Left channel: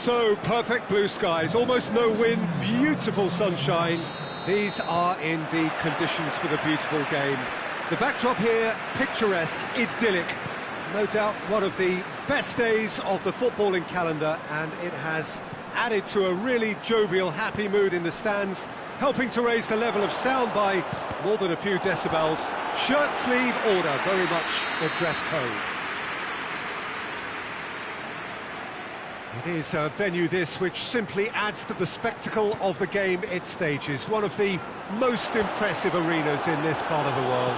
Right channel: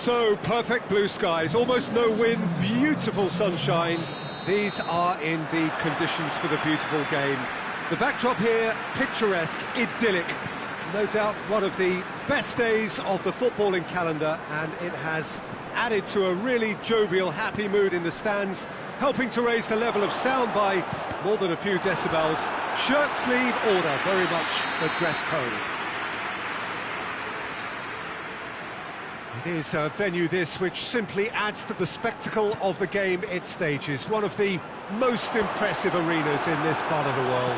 So, perfect blue skies, almost no wind, beautiful sunshine. These are indeed conditions for the beautiful game. The backdrop here, picturesque, idyllic. No doubt one of the best days of the footballing calendar, and it has added to a really jovial, happy mood in the stands, helping to raise the level of sound by more than a few decibels. Shirt sleeve order, very much the dress code. It is a venue this which simply adds to the spectacle of the game it stages. One of the most impressive arenas in this part of the world.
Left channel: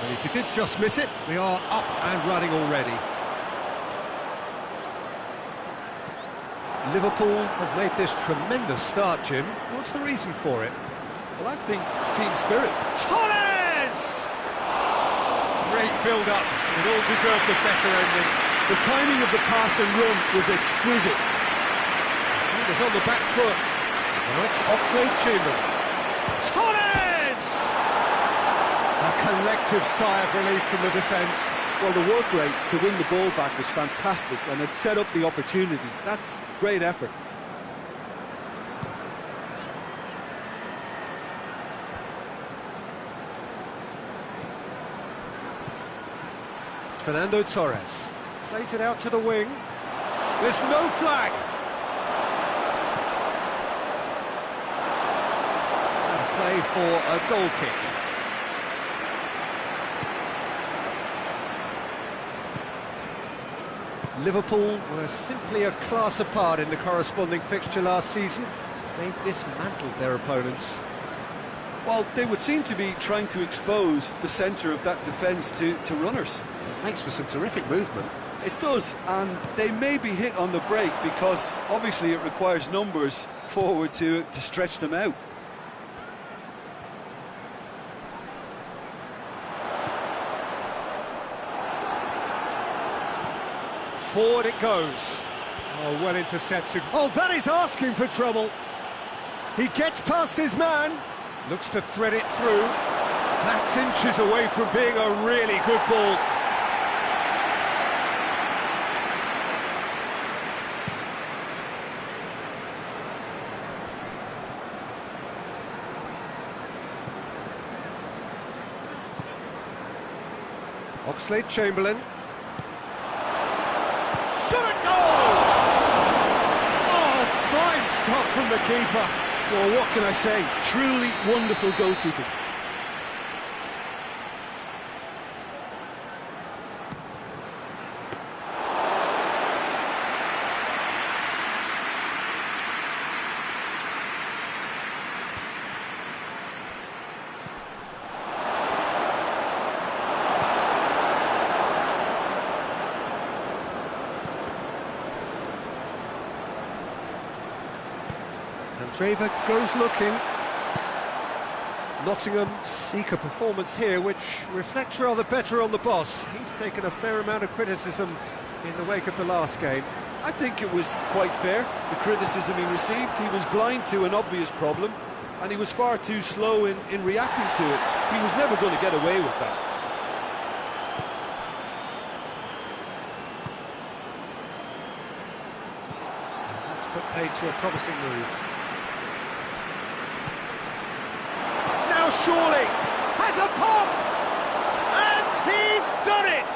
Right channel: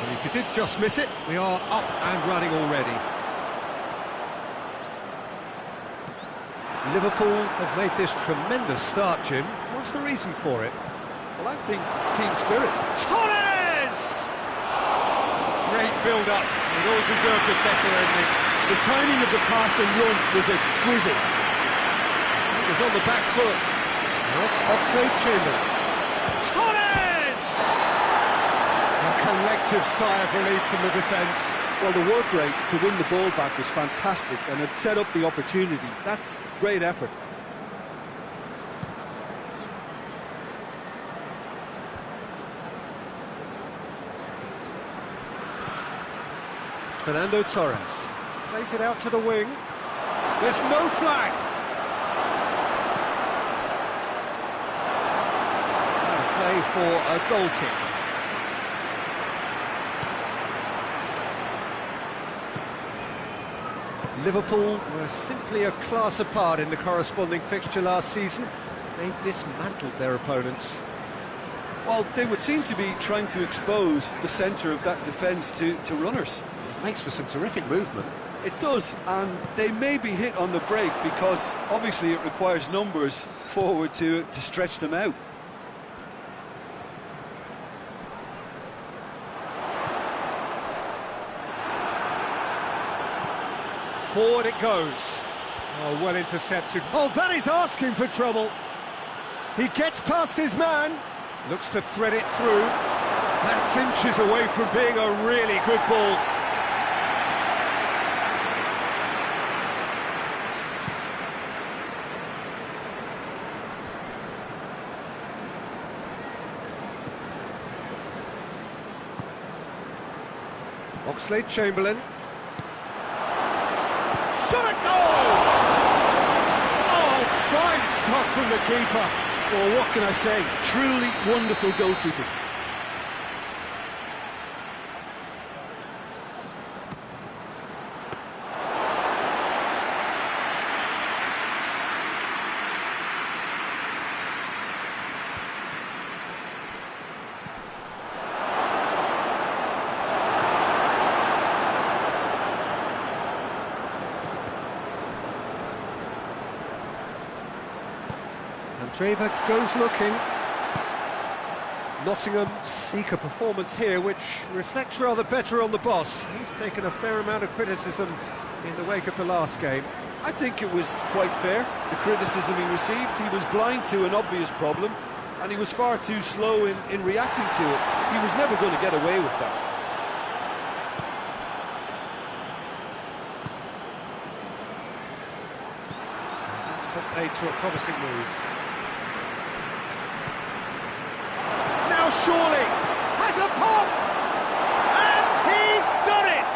And if you did just miss it, we are up and running already. Liverpool have made this tremendous start, Jim. What's the reason for it? Well, I think team spirit. Torres! Great build-up. It all deserved a better ending. The timing of the pass and run was exquisite. It was on the back foot. Now it's Oxlade-Chamberlain. Torres! A collective sigh of relief from the defence. Well, the work rate to win the ball back was fantastic, and it set up the opportunity. That's great effort. Fernando Torres plays it out to the wing. There's no flag. Out of play for a goal kick. Liverpool were simply a class apart in the corresponding fixture last season. They dismantled their opponents. Well, they would seem to be trying to expose the centre of that defence to runners. It makes for some terrific movement. It does, and they may be hit on the break because obviously it requires numbers forward to stretch them out. Forward it goes. Oh, well intercepted. Oh, that is asking for trouble. He gets past his man, looks to thread it through. That's inches away from being a really good ball. Oxlade-Chamberlain. Shot at goal! Oh, fine stop from the keeper. Well, what can I say? Truly wonderful goalkeeping. Andreva goes looking. Nottingham seek a performance here which reflects rather better on the boss. He's taken a fair amount of criticism in the wake of the last game. I think it was quite fair, the criticism he received. He was blind to an obvious problem, and he was far too slow in reacting to it. He was never going to get away with that. That's put paid to a promising move. Now surely has a pop, and he's done it!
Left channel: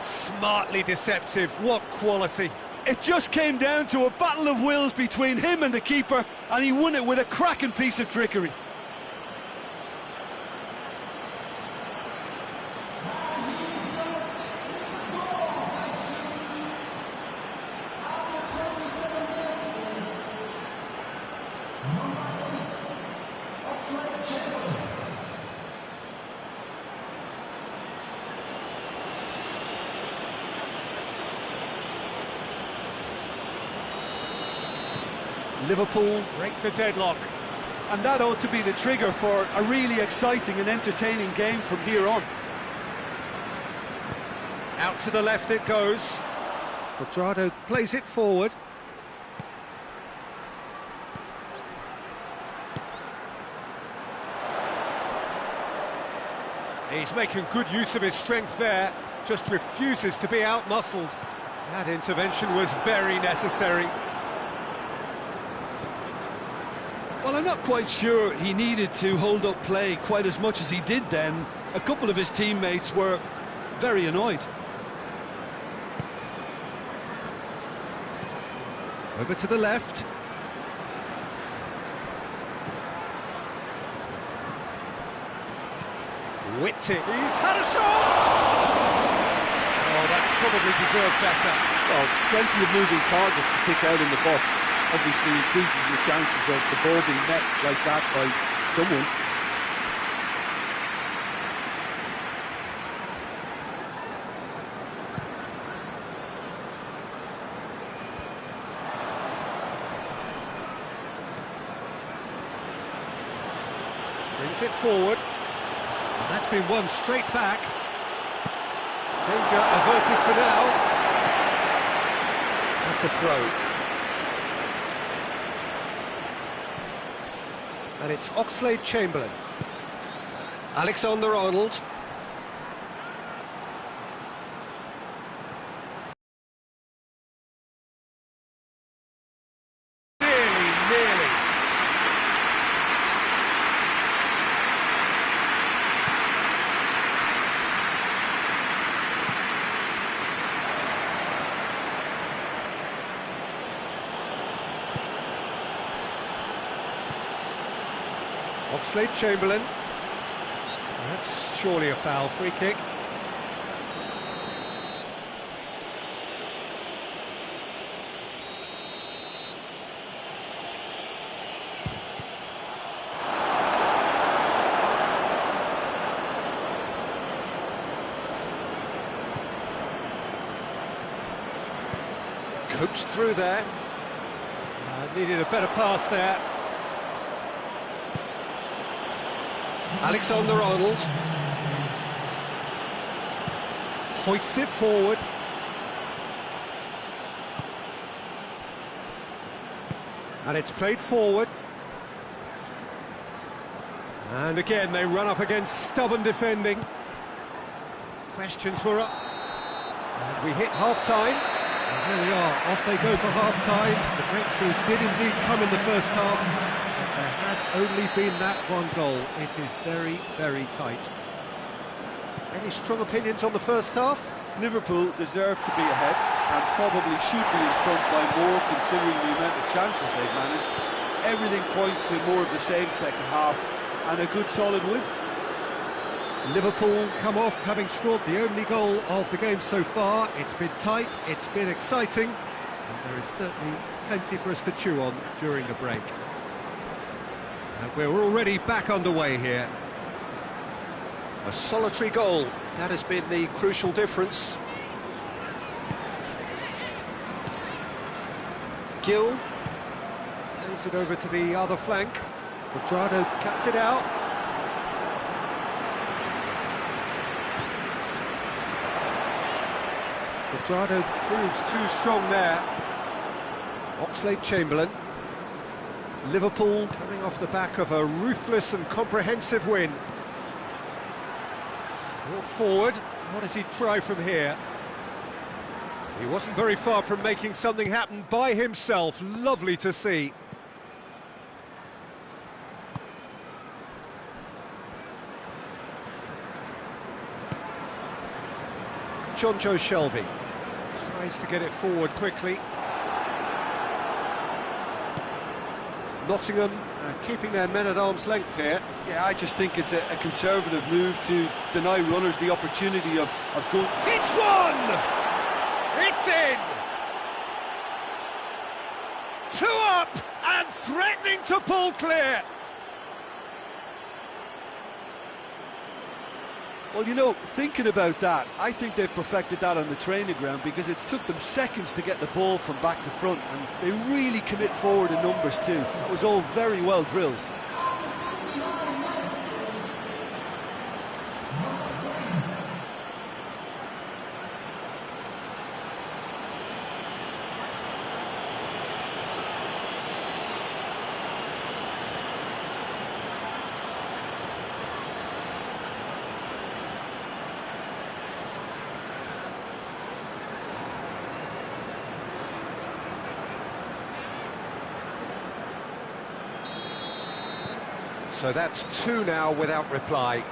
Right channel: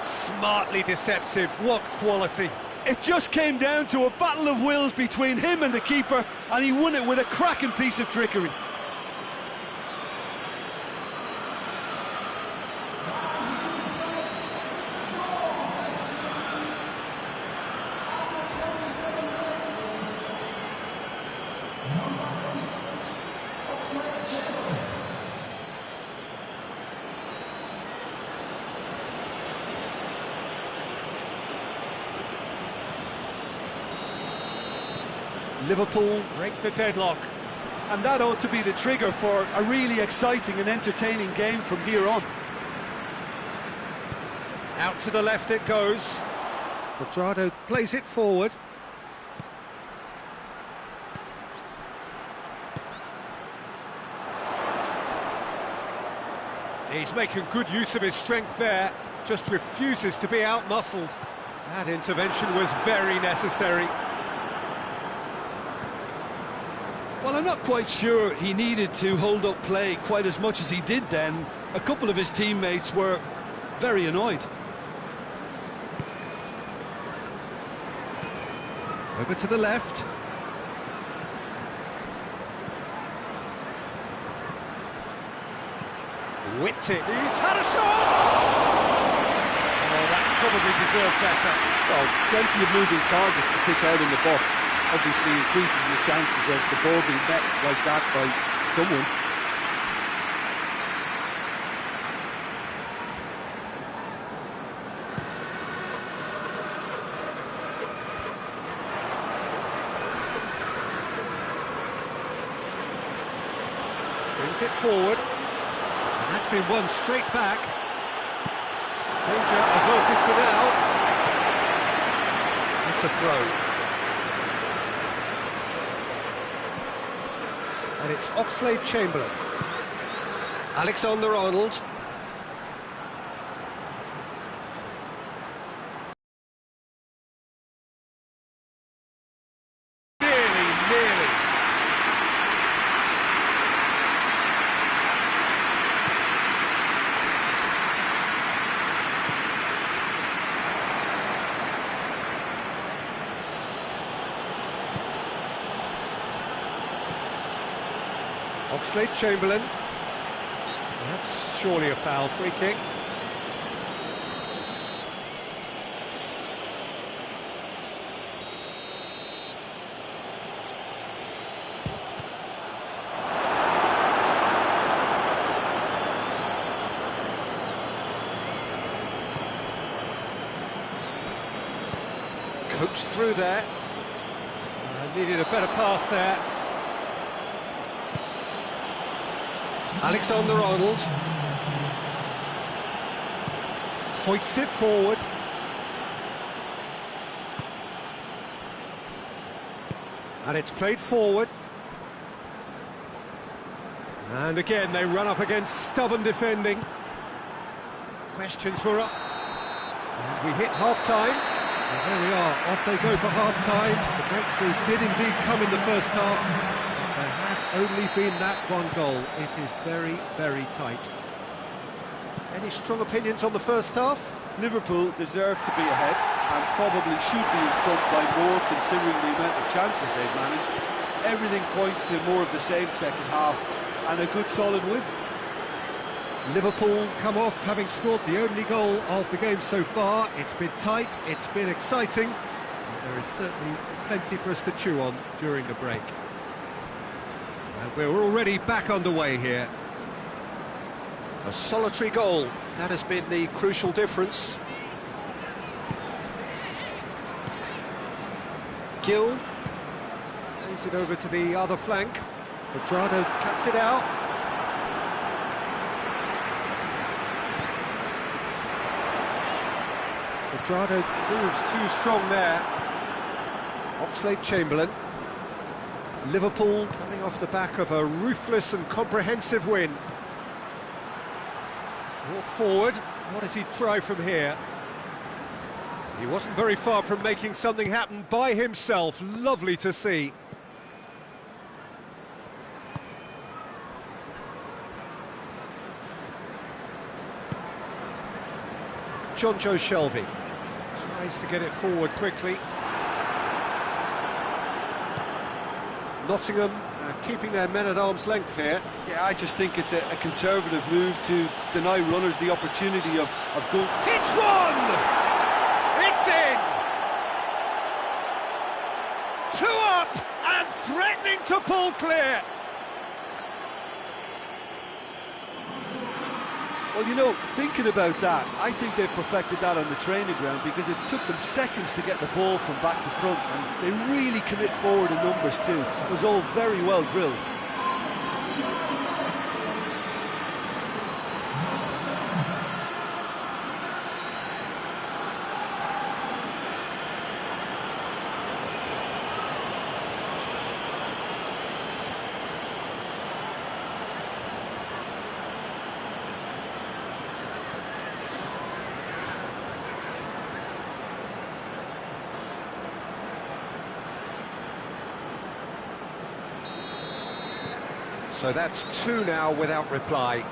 Smartly deceptive, what quality. It just came down to a battle of wills between him and the keeper, and he won it with a cracking piece of trickery. Liverpool break the deadlock. And that ought to be the trigger for a really exciting and entertaining game from here on. Out to the left it goes. Quadrado plays it forward. He's making good use of his strength there, just refuses to be out-muscled. That intervention was very necessary. Well, I'm not quite sure he needed to hold up play quite as much as he did then. A couple of his teammates were very annoyed. Over to the left. Whipped it. He's had a shot! Oh, that probably deserved better. Well, plenty of moving targets to pick out in the box. Obviously increases the chances of the ball being met like that by someone. Brings it forward. And that's been won straight back. Danger averted for now. That's a throw. And it's Oxlade-Chamberlain. Alexander-Arnold. Nearly. Oxlade-Chamberlain. That's surely a foul, free kick. Coached through there. Needed a better pass there. Alexander-Arnold hoists it forward. And it's played forward. And again, they run up against stubborn defending. Questions were up. And we hit half-time. And there we are, off they go for half-time. The breakthrough did indeed come in the first half. There has only been that one goal. It is very, very tight. Any strong opinions on the first half? Liverpool deserve to be ahead and probably should be in front by more considering the amount of chances they've managed. Everything points to more of the same second half and a good solid win. Liverpool come off having scored the only goal of the game so far. It's been tight, it's been exciting, and there is certainly plenty for us to chew on during the break. And we're already back underway here. A solitary goal, that has been the crucial difference. Gill plays it over to the other flank. Quadrado cuts it out. Quadrado proves too strong there. Oxlade-Chamberlain. Liverpool coming off the back of a ruthless and comprehensive win. Brought forward, what does he try from here? He wasn't very far from making something happen by himself, lovely to see. Jonjo Shelvey tries to get it forward quickly. Nottingham keeping their men at arm's length here. Yeah, I just think it's a conservative move to deny runners the opportunity of goal. Hits one! It's in! 2 up and threatening to pull clear. Well, you know, thinking about that, I think they've perfected that on the training ground because it took them seconds to get the ball from back to front, and they really commit forward in numbers too. That was all very well drilled. So that's two now without reply.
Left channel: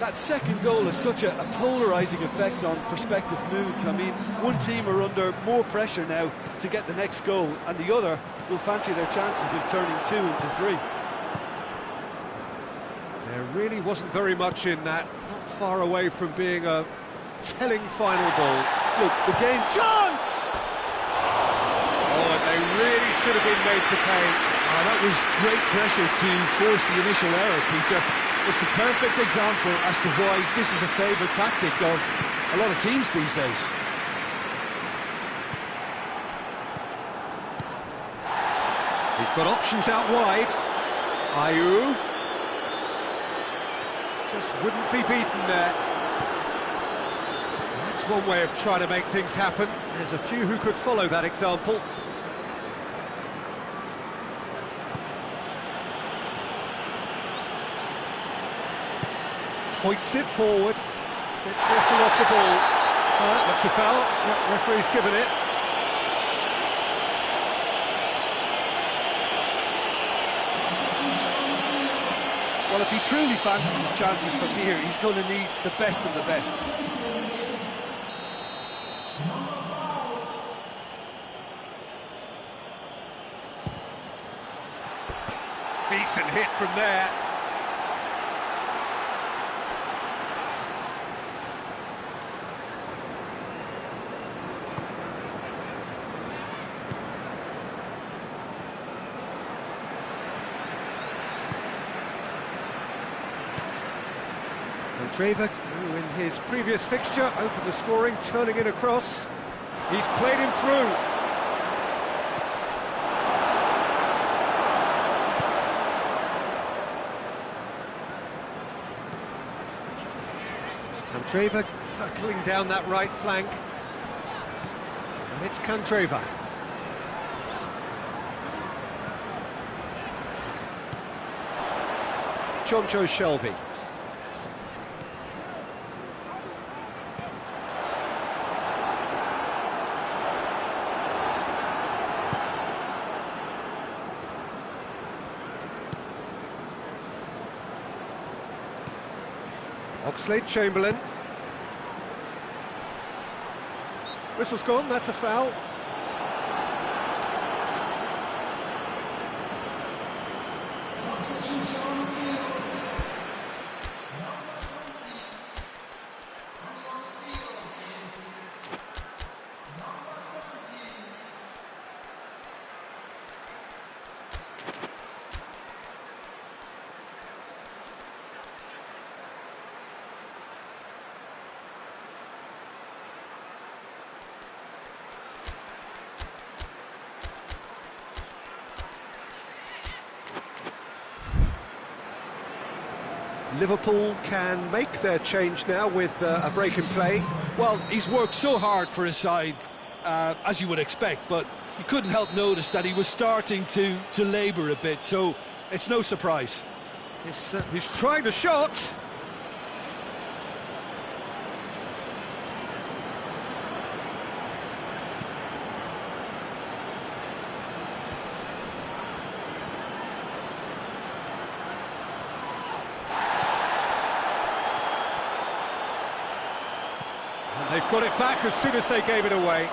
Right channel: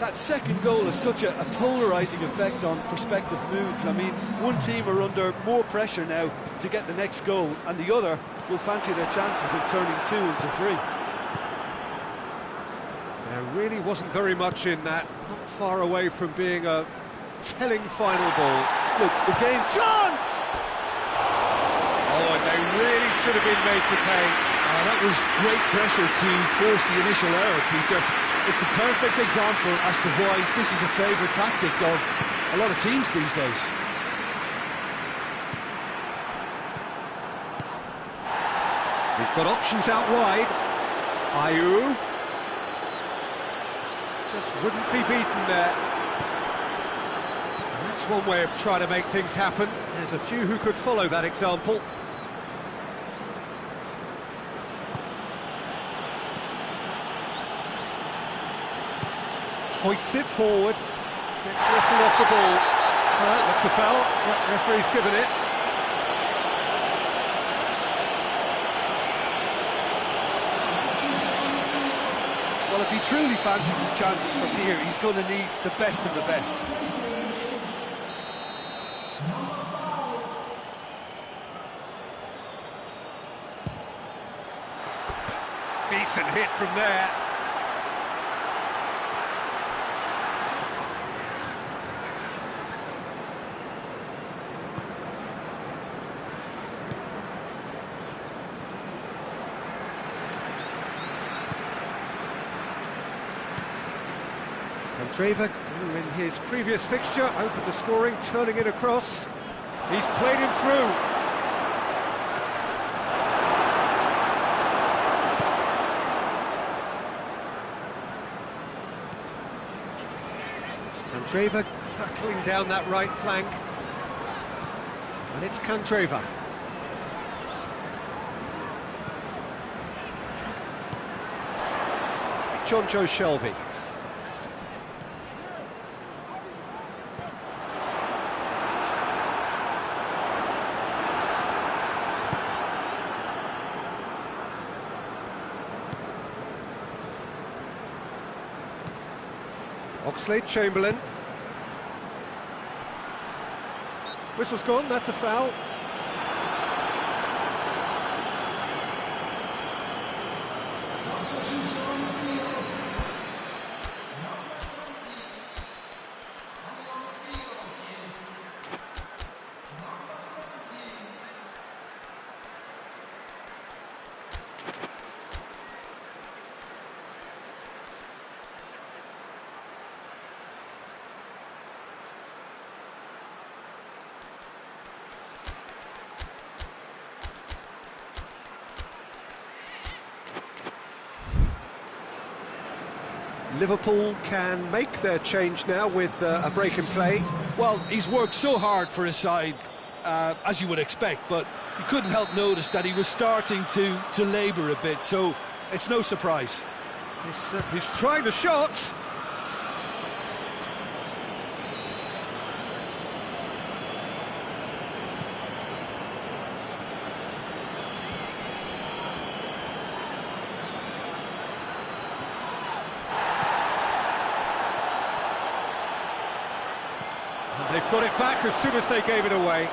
That second goal has such a polarising effect on prospective moods. I mean, one team are under more pressure now to get the next goal, and the other will fancy their chances of turning 2 into 3. There really wasn't very much in that, not far away from being a telling final ball. Look, the game... Chance! Oh, and they really should have been made to pay. That was great pressure to force the initial error, Peter. It's the perfect example as to why this is a favourite tactic of a lot of teams these days. He's got options out wide. Ayew. Just wouldn't be beaten there. That's one way of trying to make things happen. There's a few who could follow that example. Hoists it forward. Gets wrestled off the ball. Looks a foul. Yep, referee's given it. Well, if he truly fancies his chances from here, he's going to need the best of the best. Decent hit from there. Candreva, who in his previous fixture opened the scoring, turning it across. He's played him through. Candreva hurtling down that right flank. And it's Candreva. Jonjo Shelvey. Oxlade-Chamberlain. Whistle's gone, that's a foul. Liverpool can make their change now with a break in play. Well, he's worked so hard for his side, as you would expect, but you couldn't help notice that he was starting to labour a bit, so it's no surprise. He's trying the shot. And they've got it back as soon as they gave it away.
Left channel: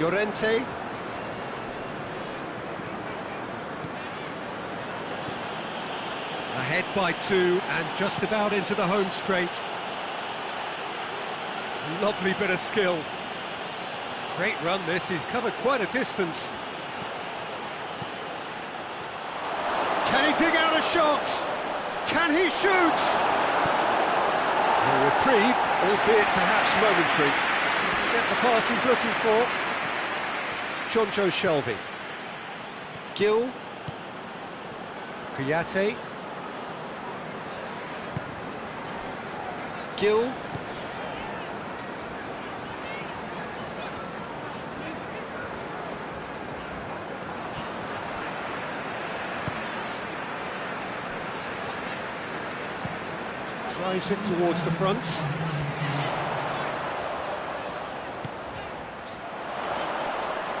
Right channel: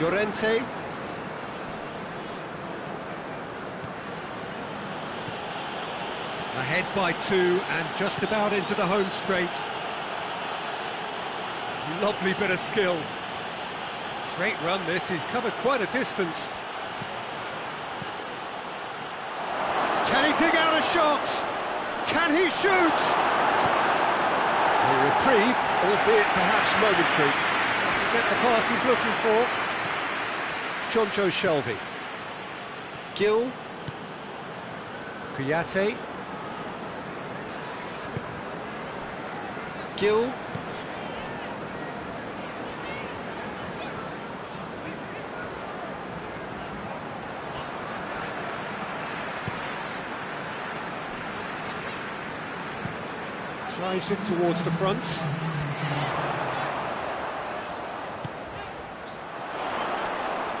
Llorente. Ahead by 2 and just about into the home straight. Lovely bit of skill. Great run this, he's covered quite a distance. Can he dig out a shot? Can he shoot? A reprieve, albeit perhaps momentary. Doesn't get the pass he's looking for. Jonjo Shelvey. Gill. Kouyaté. Gill. Drives it towards the front.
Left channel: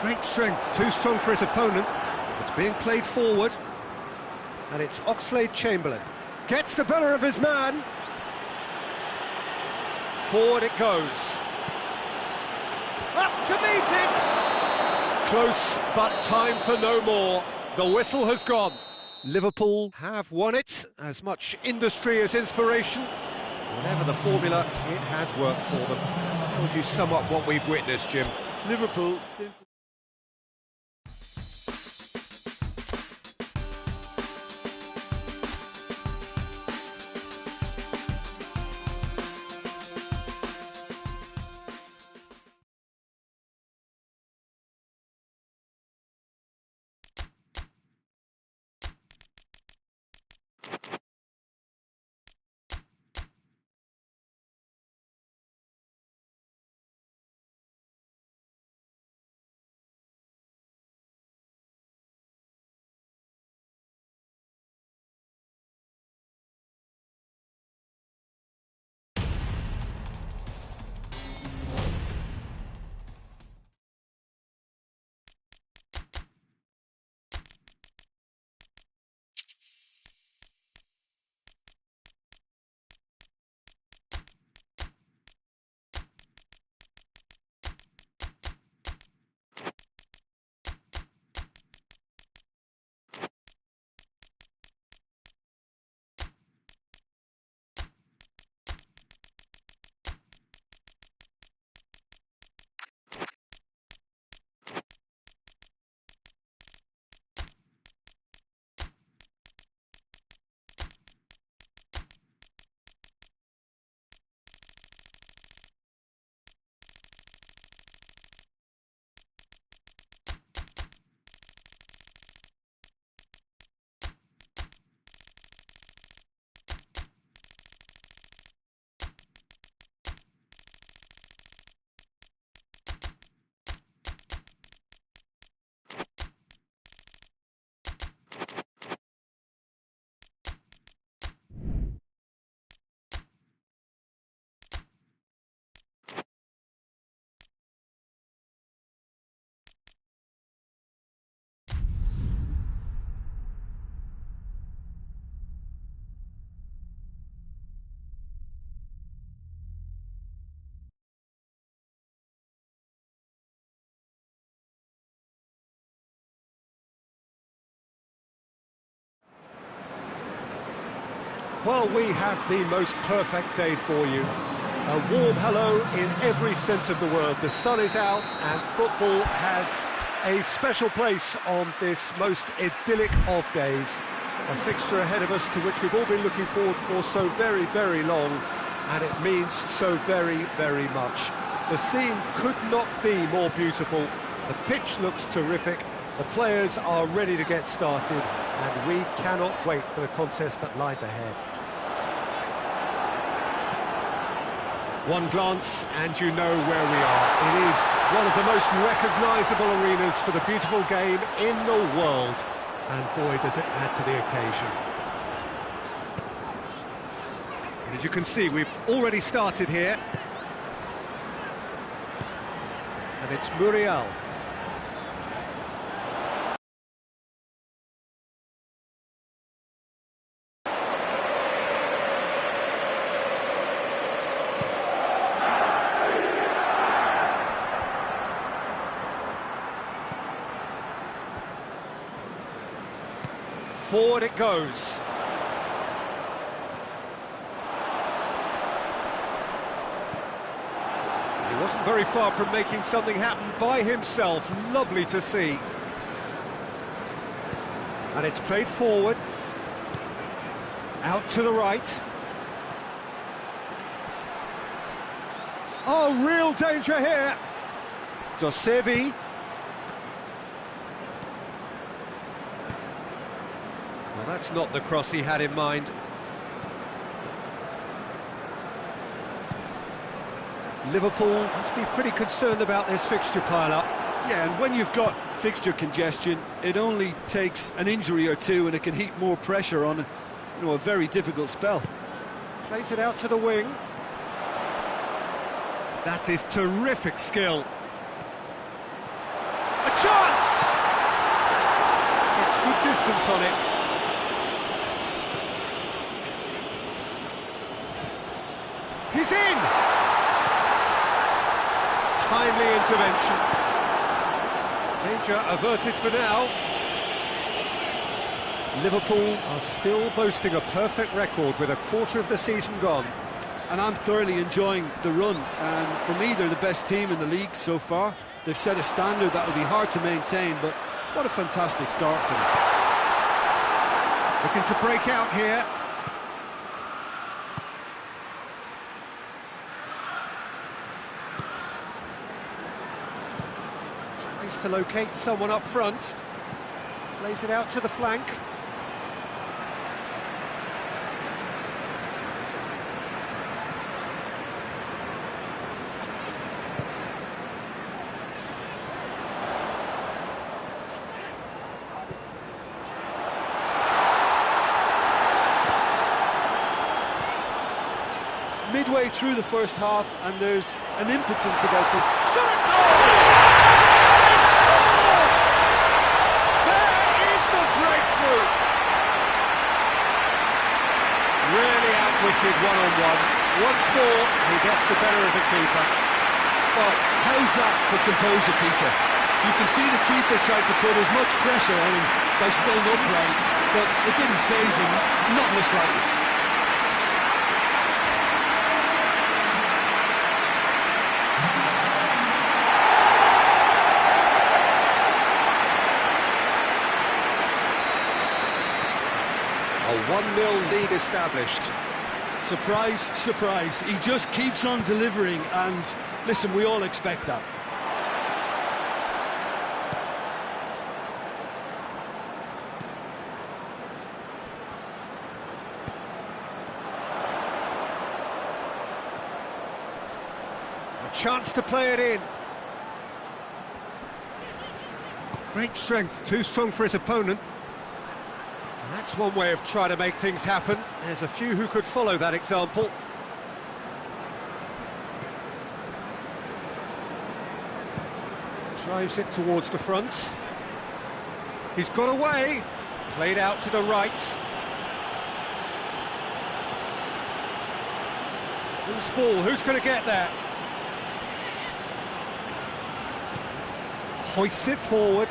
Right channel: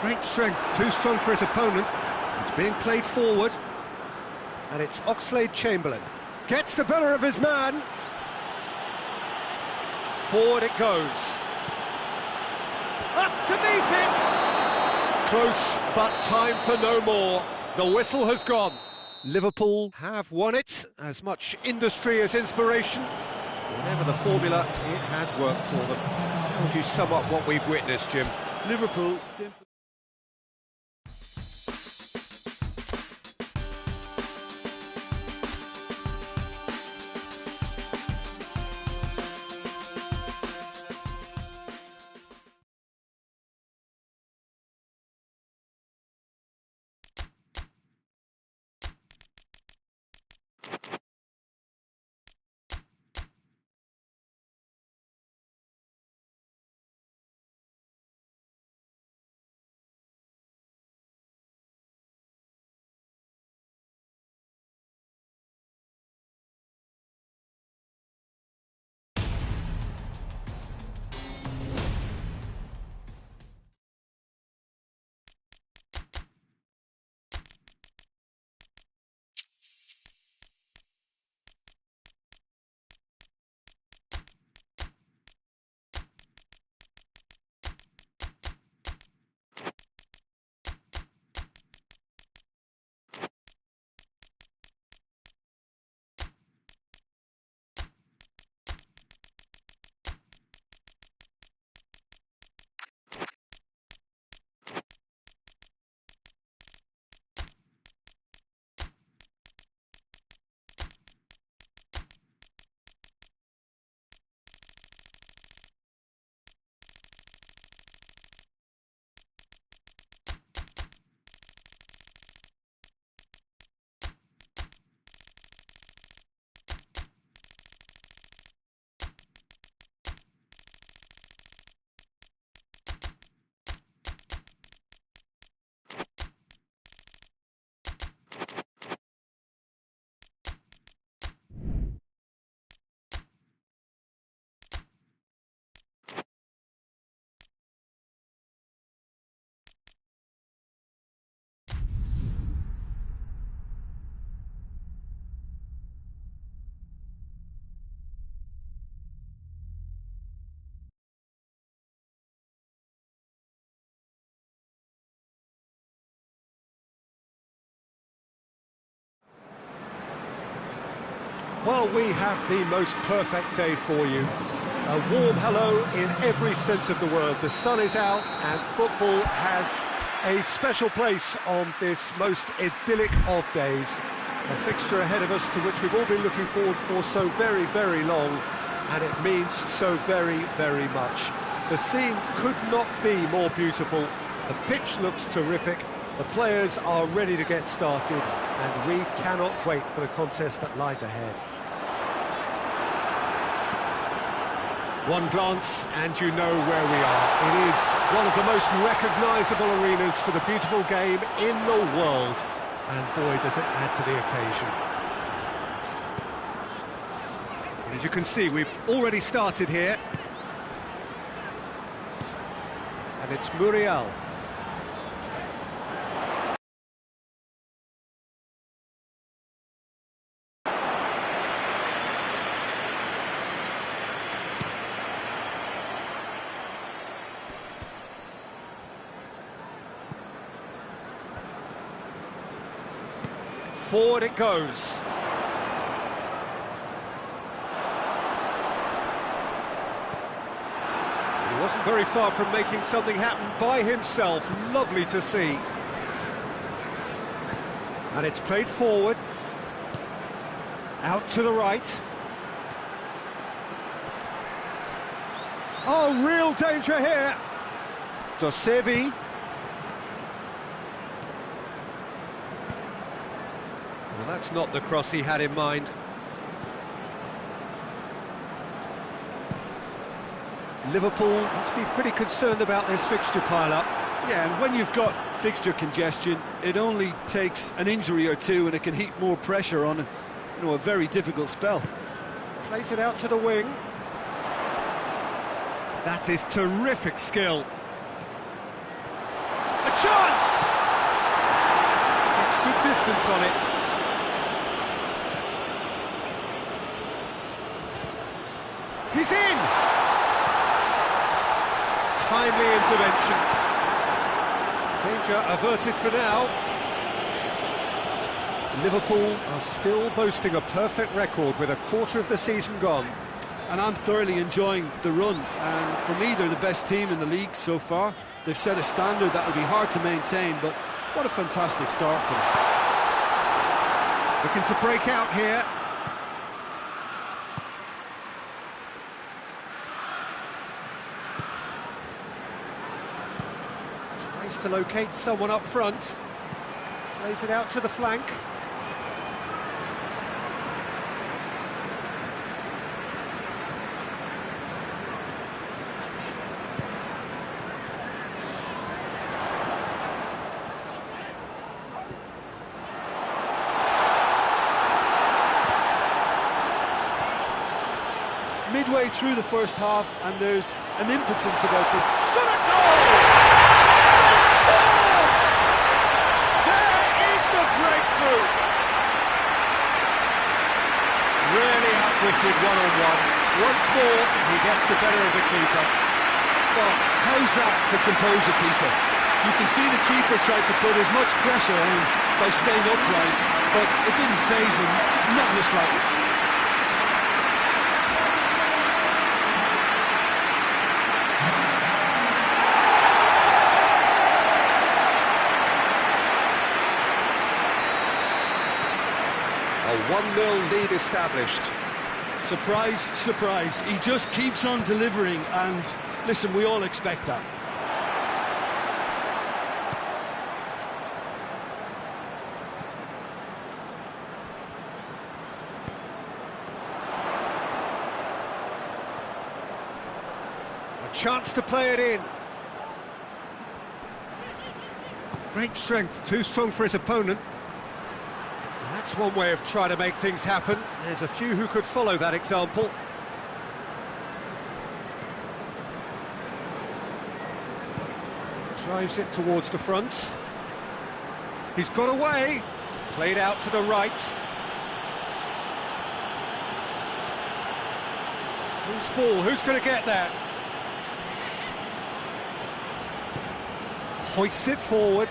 Great strength, too strong for his opponent. It's being played forward. And it's Oxlade-Chamberlain. Gets the better of his man. Forward it goes. Up to meet it! Close, but time for no more. The whistle has gone. Liverpool have won it. As much industry as inspiration. Whatever the formula, it has worked for them. How would you sum up what we've witnessed, Jim? Liverpool simply... Well, we have the most perfect day for you. A warm hello in every sense of the word. The sun is out and football has a special place on this most idyllic of days. A fixture ahead of us to which we've all been looking forward for so very, very long, and it means so very, very much. The scene could not be more beautiful. The pitch looks terrific. The players are ready to get started, and we cannot wait for the contest that lies ahead. One glance and you know where we are. It is one of the most recognisable arenas for the beautiful game in the world. And boy, does it add to the occasion. And as you can see, we've already started here. And it's Muriel. Forward it goes. He wasn't very far from making something happen by himself. Lovely to see. And it's played forward. Out to the right. Oh, real danger here. Dosevi. Well, that's not the cross he had in mind. Liverpool must be pretty concerned about this fixture pile-up. Yeah, and when you've got fixture congestion, it only takes an injury or two and it can heap more pressure on, a very difficult spell. Plays it out to the wing. That is terrific skill. A chance! Gets good distance on it. He's in! Timely intervention. Danger averted for now. Liverpool are still boasting a perfect record with a quarter of the season gone. And I'm thoroughly enjoying the run, and for me they're the best team in the league so far. They've set a standard that will be hard to maintain, but what a fantastic start for them. Looking to break out here. Tries to locate someone up front. Plays it out to the flank. Midway through the first half, and there's an impotence about this. Shot a goal! They score! There is the breakthrough! Really outwitted one-on-one. Once more, he gets the better of the keeper. Well, how's that for composure, Peter? You can see the keeper tried to put as much pressure on him by staying upright, but it didn't faze him, not in the slightest. A 1-0 lead established. Surprise, surprise. He just keeps on delivering, and listen, we all expect that. A chance to play it in. Great strength, too strong for his opponent. That's one way of trying to make things happen. There's a few who could follow that example. Drives it towards the front. He's got away. Played out to the right. Loose ball, who's going to get that? Hoists it forward.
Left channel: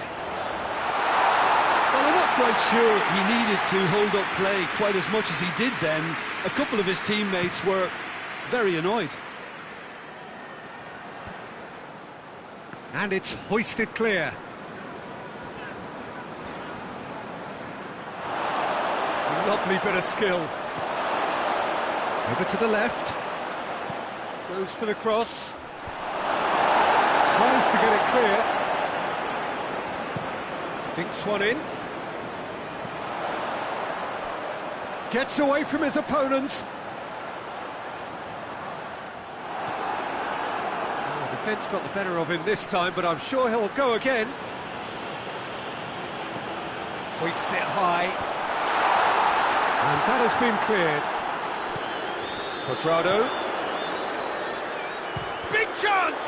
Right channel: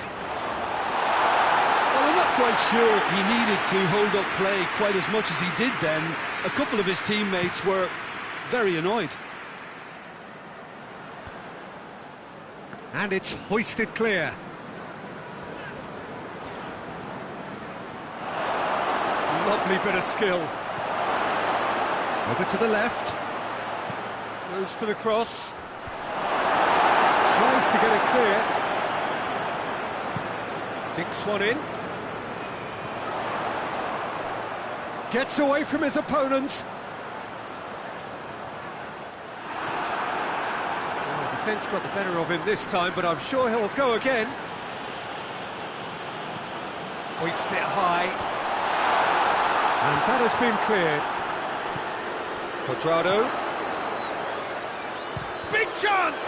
Well, I'm not quite sure he needed to hold up play quite as much as he did then. A couple of his teammates were very annoyed. And it's hoisted clear. Lovely bit of skill. Over to the left. Goes for the cross. Tries to get it clear. Dinks one in. Gets away from his opponents. Oh, defence got the better of him this time, but I'm sure he'll go again. Hoists it high. And that has been cleared. Quadrado. Big chance!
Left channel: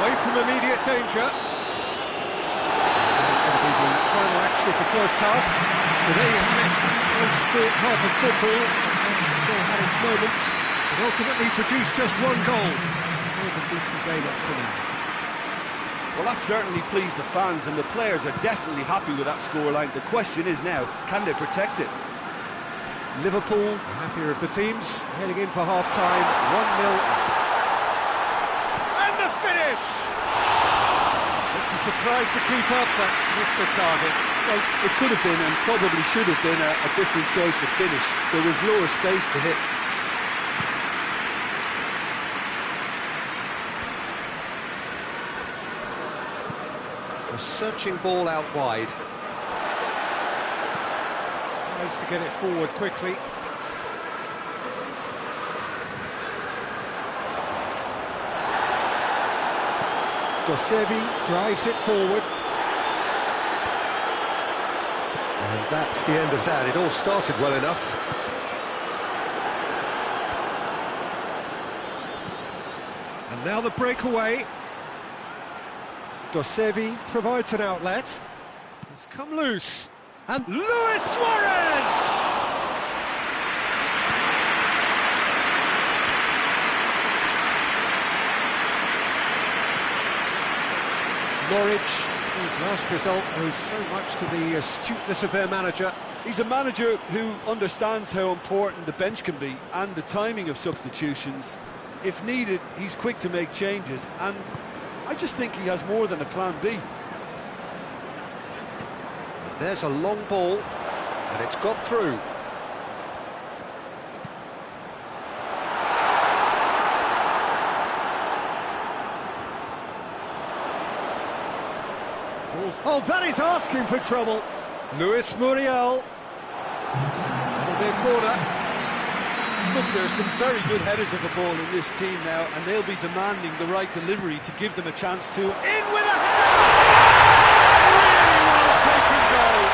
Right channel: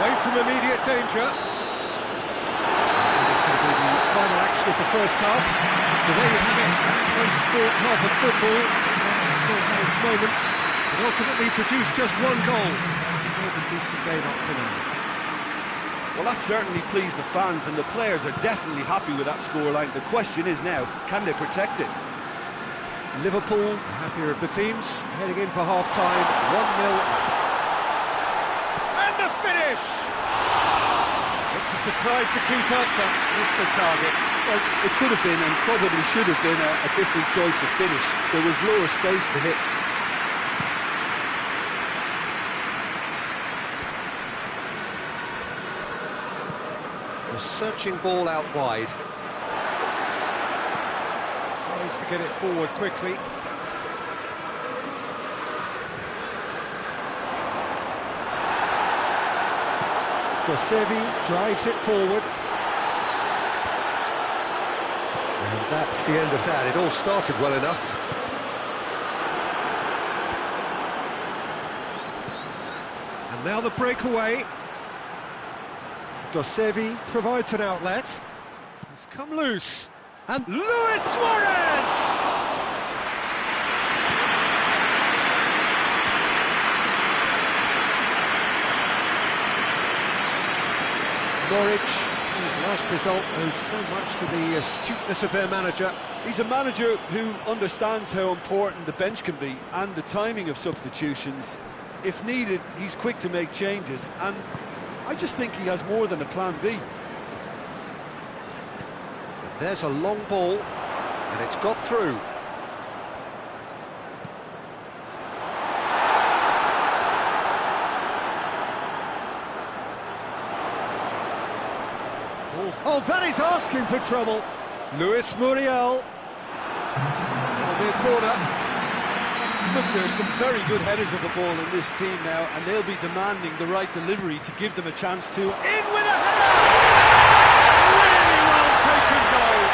Away from immediate danger. That is going to be the final action of the first half. So there you have it, a close sport half of football, and still had its moments, but ultimately produced just one goal. A more than decent game up to now. Well, that certainly pleased the fans, and the players are definitely happy with that scoreline. The question is now, can they protect it? Liverpool, the happier of the teams, heading in for half-time, 1-0 up. And the finish! Looked to surprise the keeper, but missed the target. Well, it could have been, and probably should have been, a different choice of finish. There was lower space to hit. A searching ball out wide. Tries to get it forward quickly. Dosevi drives it forward. And that's the end of that. It all started well enough. And now the breakaway. Dosevi provides an outlet. It's come loose. And Luis Suarez! Norwich, whose last result owes so much to the astuteness of their manager. He's a manager who understands how important the bench can be and the timing of substitutions. If needed, he's quick to make changes, and I just think he has more than a plan B. There's a long ball, and it's got through. Oh, that is asking for trouble. Luis Muriel. That'll be a corner. Look, there are some very good headers of the ball in this team now, and they'll be demanding the right delivery to give them a chance to... In with a header! Really well taken goal.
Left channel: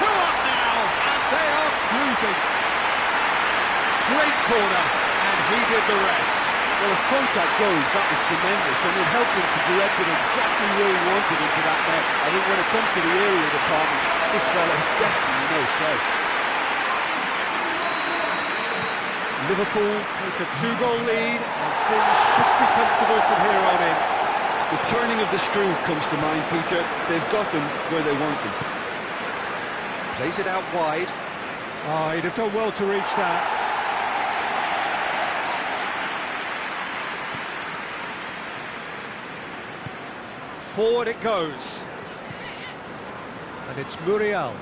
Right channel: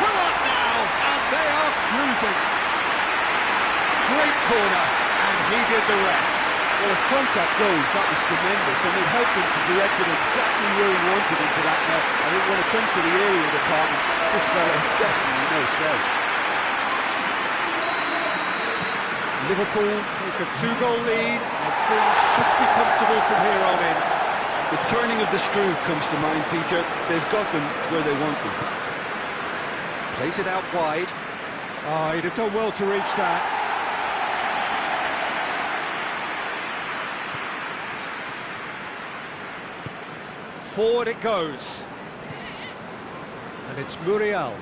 2 up now, and they are cruising. Great corner, and he did the rest. Well, as contact goes, that was tremendous, and it helped him to direct it exactly where he wanted into that net. I think when it comes to the area department, this fella is definitely no slouch. Liverpool take a 2-goal lead, and things should be comfortable from here on in. The turning of the screw comes to mind, Peter. They've got them where they want them. Plays it out wide. Oh, he'd have done well to reach that. Forward it goes. And it's Muriel.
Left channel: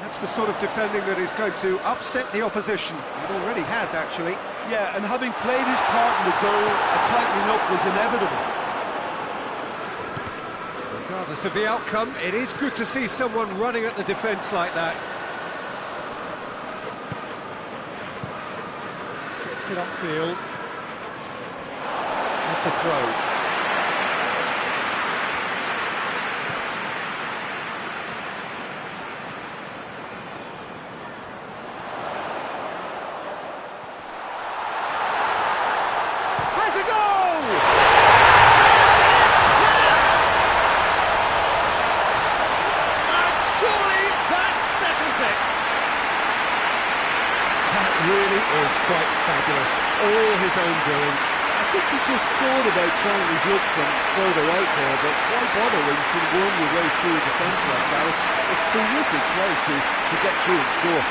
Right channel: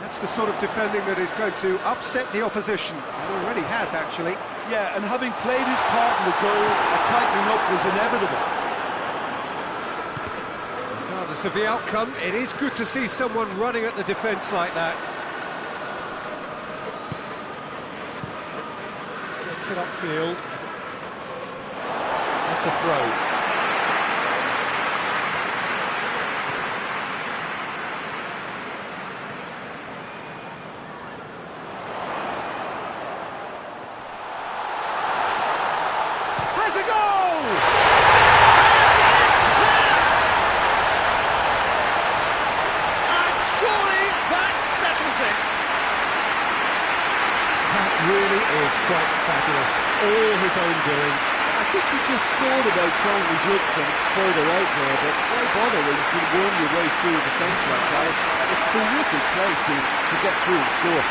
That's the sort of defending that is going to upset the opposition. It already has, actually. Yeah, and having played his part in the goal, a tightening up was inevitable. Regardless of the outcome, it is good to see someone running at the defence like that. Gets it upfield. That's a throw. Has a goal! And it's there! And surely that settles it. That really is quite fabulous. All his own doing. I think he just thought about trying his luck from further out there, but why bother when you can worm your way through a defence like that? It's terrific play to get through and score.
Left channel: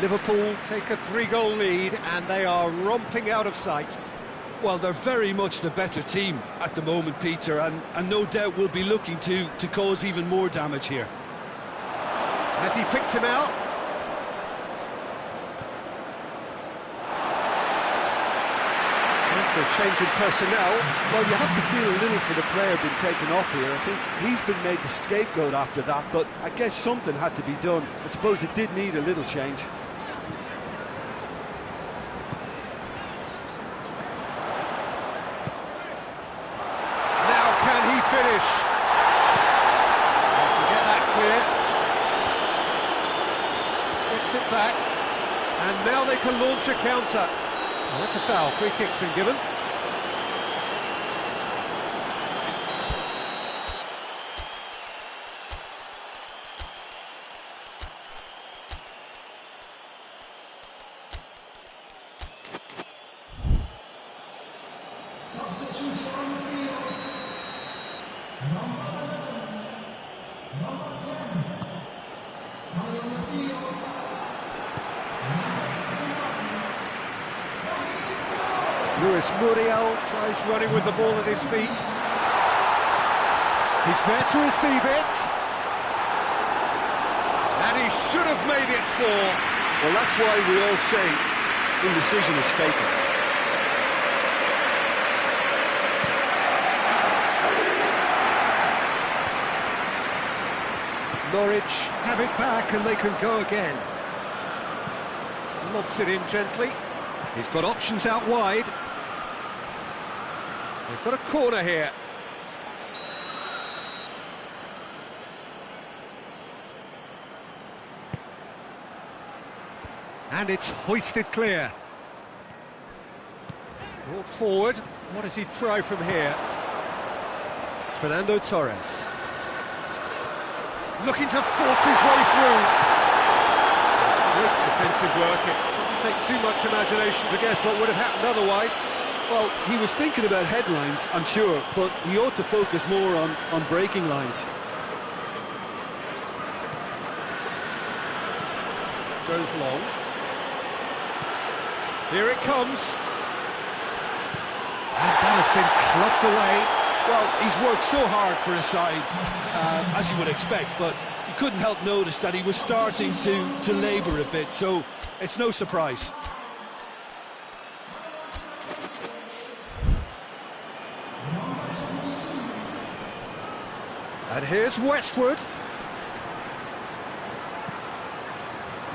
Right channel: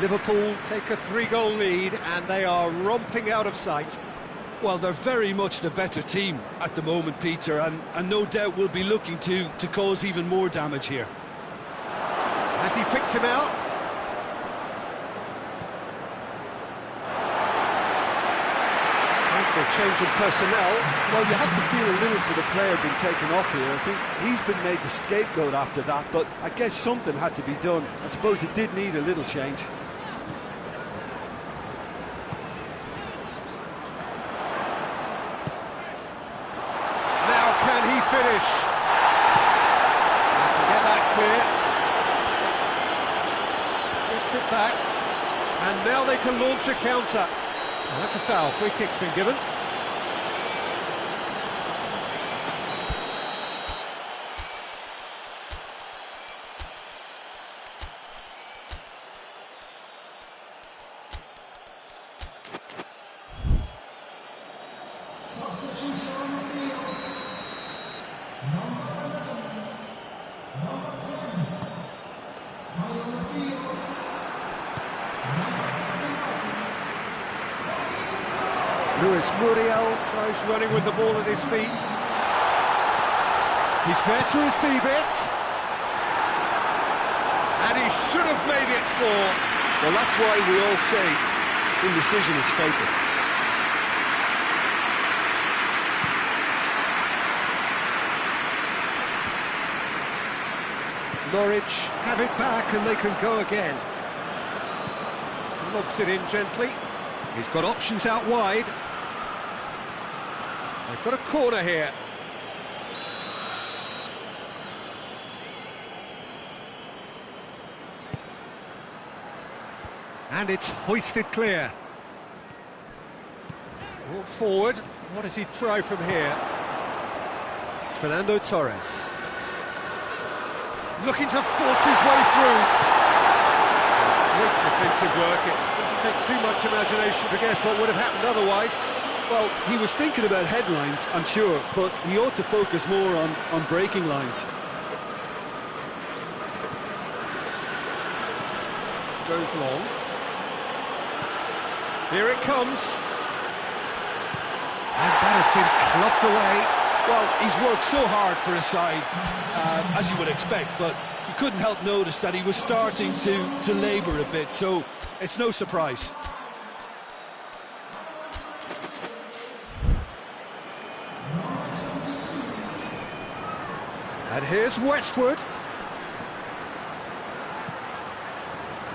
Liverpool take a 3-goal lead and they are romping out of sight. Well, they're very much the better team at the moment, Peter, and no doubt will be looking to cause even more damage here. Has he picked him out? Time for a change in personnel. Well, you have to feel a little for the player being taken off here. I think he's been made the scapegoat after that, but I guess something had to be done. I suppose it did need a little change. Can he finish? They can get that clear. Gets it back. And now they can launch a counter. Oh, that's a foul. Free kick's been given. Luis Muriel tries running with the ball at his feet. He's there to receive it. And he should have made it 4. Well, that's why we all say indecision is fatal. Norwich have it back and they can go again. Lobs it in gently. He's got options out wide. They've got a corner here. And it's hoisted clear. Brought forward. What does he try from here? Fernando Torres. Looking to force his way through. It's great defensive work. It doesn't take too much imagination to guess what would have happened otherwise. Well, he was thinking about headlines, I'm sure, but he ought to focus more on breaking lines. Goes long. Here it comes. And that has been clubbed away. Well, he's worked so hard for his side, as you would expect, but you couldn't help notice that he was starting to labour a bit, so it's no surprise. And here's Westwood.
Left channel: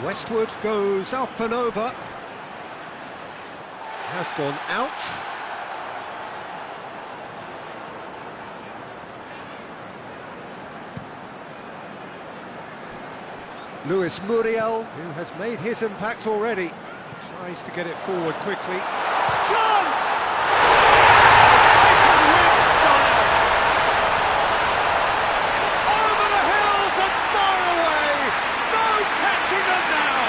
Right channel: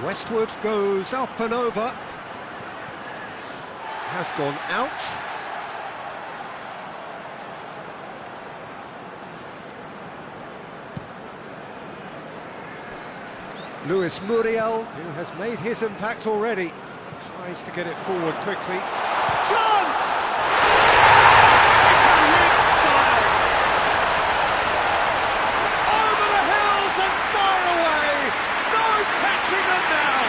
Westwood goes up and over. Has gone out. Luis Muriel, who has made his impact already, tries to get it forward quickly. Chance! Taken with style! Over the hills and far away! No catching them now!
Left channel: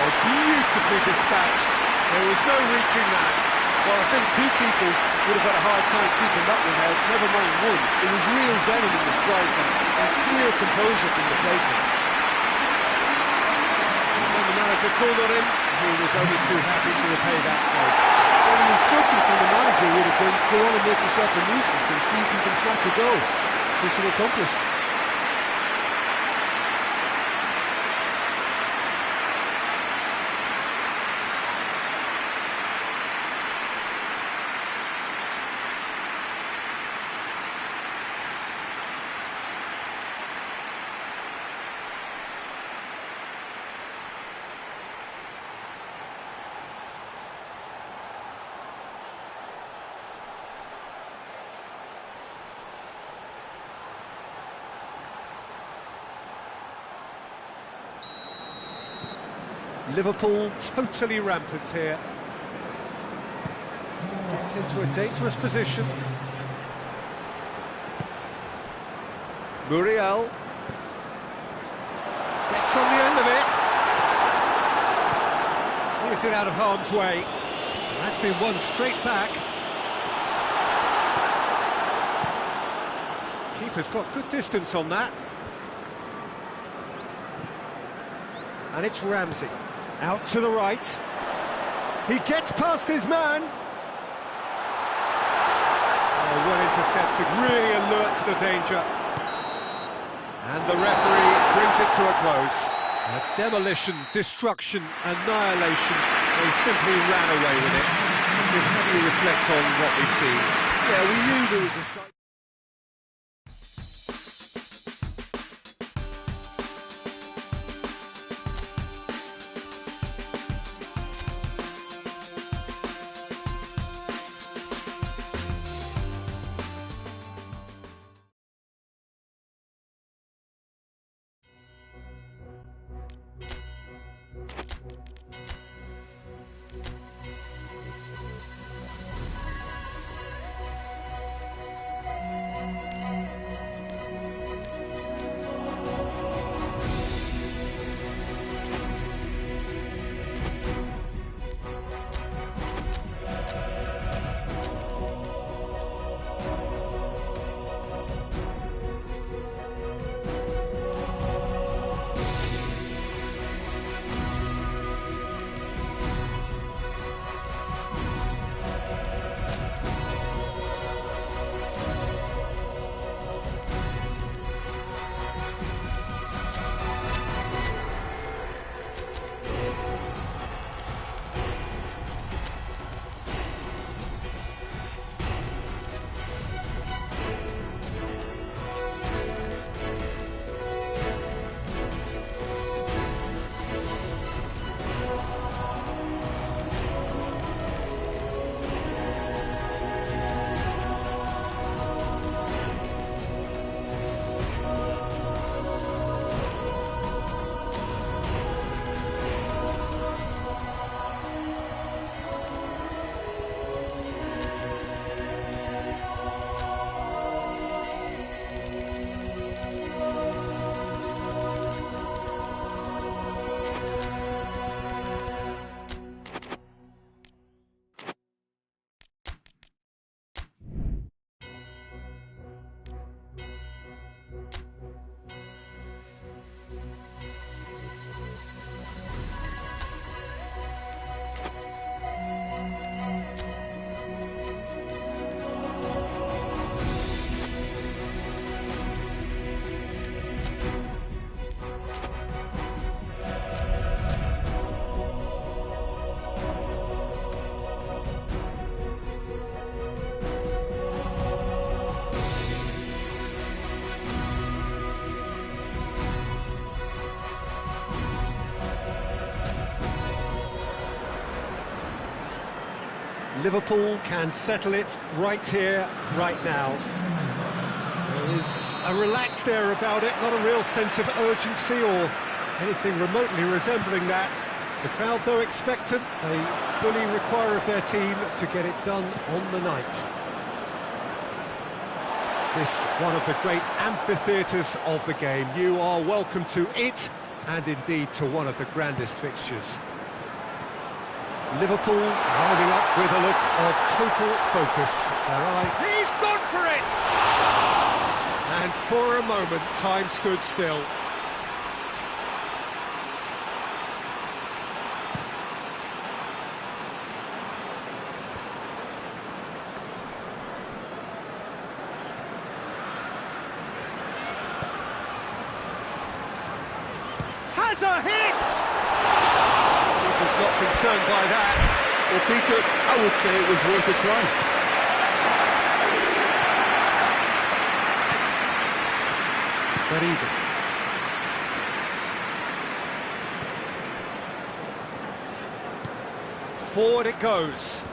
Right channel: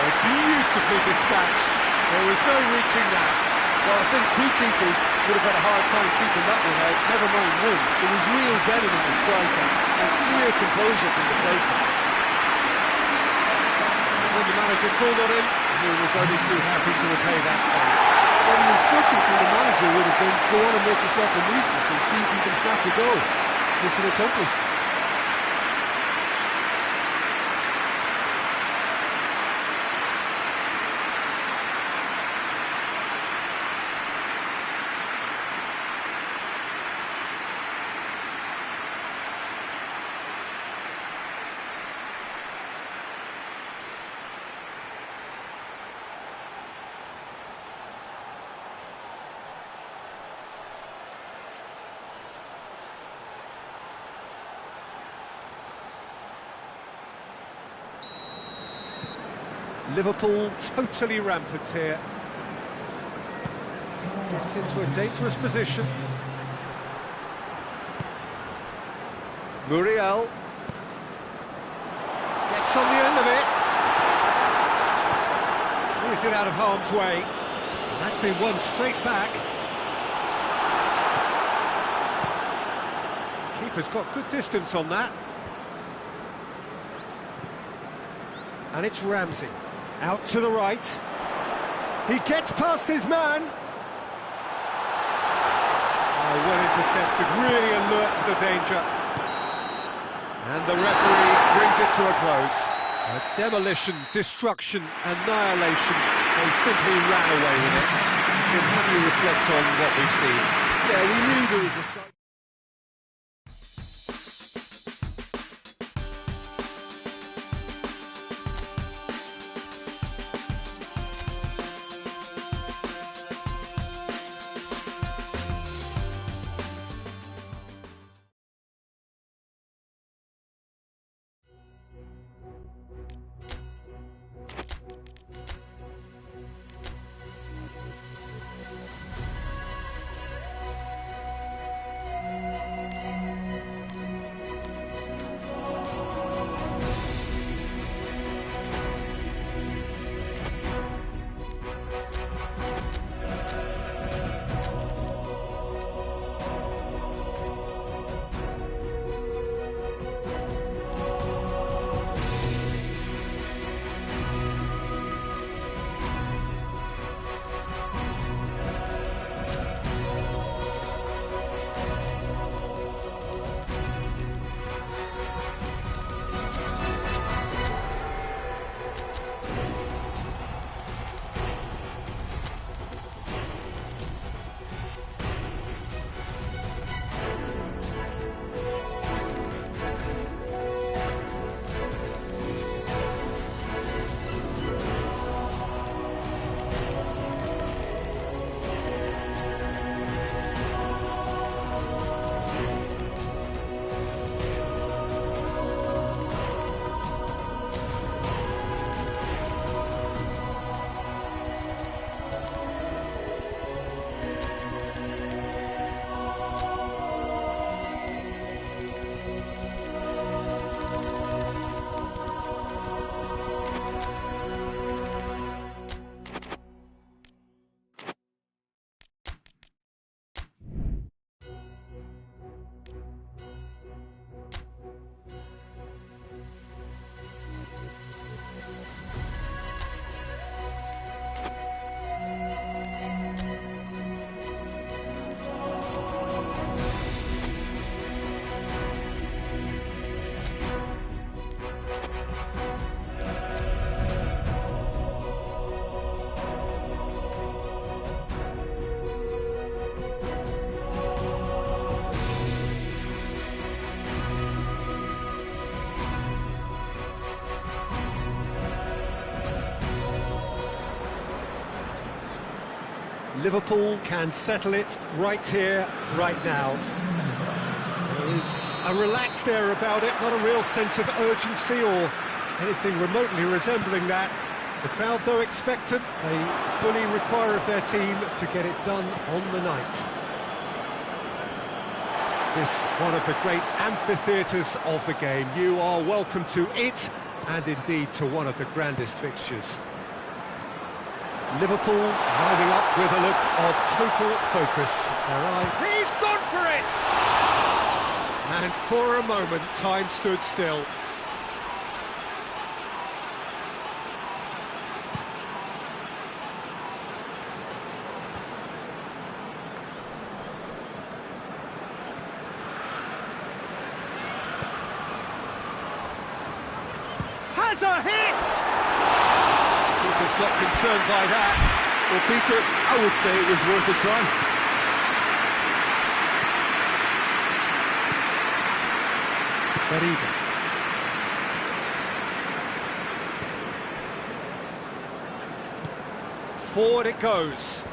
Oh, beautifully dispatched. There was no reaching that. Well, I think two keepers would have had a hard time keeping that one out, never mind one. There was real venom in the strike and clear composure from the placement. When the manager called on him, he was only too happy to repay that favour. Well, the instruction from the manager would have been, go on and make yourself a nuisance and see if you can snatch a goal. Mission accomplished. Liverpool totally rampant here. Gets into a dangerous position. Muriel gets on the end of it. Clears it out of harm's way. And that's been won straight back. Keeper's got good distance on that. And it's Ramsey. Out to the right. He gets past his man. Oh, well intercepted, really alert to the danger. And the referee brings it to a close. A demolition, destruction, annihilation. They simply ran away with it. Jim, how do you reflect on what we've seen? Yeah, we knew there was a side. Liverpool can settle it right here, right now. There is a relaxed air about it, not a real sense of urgency or anything remotely resembling that. The crowd, though expectant, they fully require of their team to get it done on the night. This one of the great amphitheatres of the game. You are welcome to it, and indeed to one of the grandest fixtures. Liverpool lining up with a look of total focus. He's gone for it! And for a moment, time stood still. Has a hit! Keeper's not concerned by that. Well, Peter, I would say it was worth a try. But even. Forward it goes.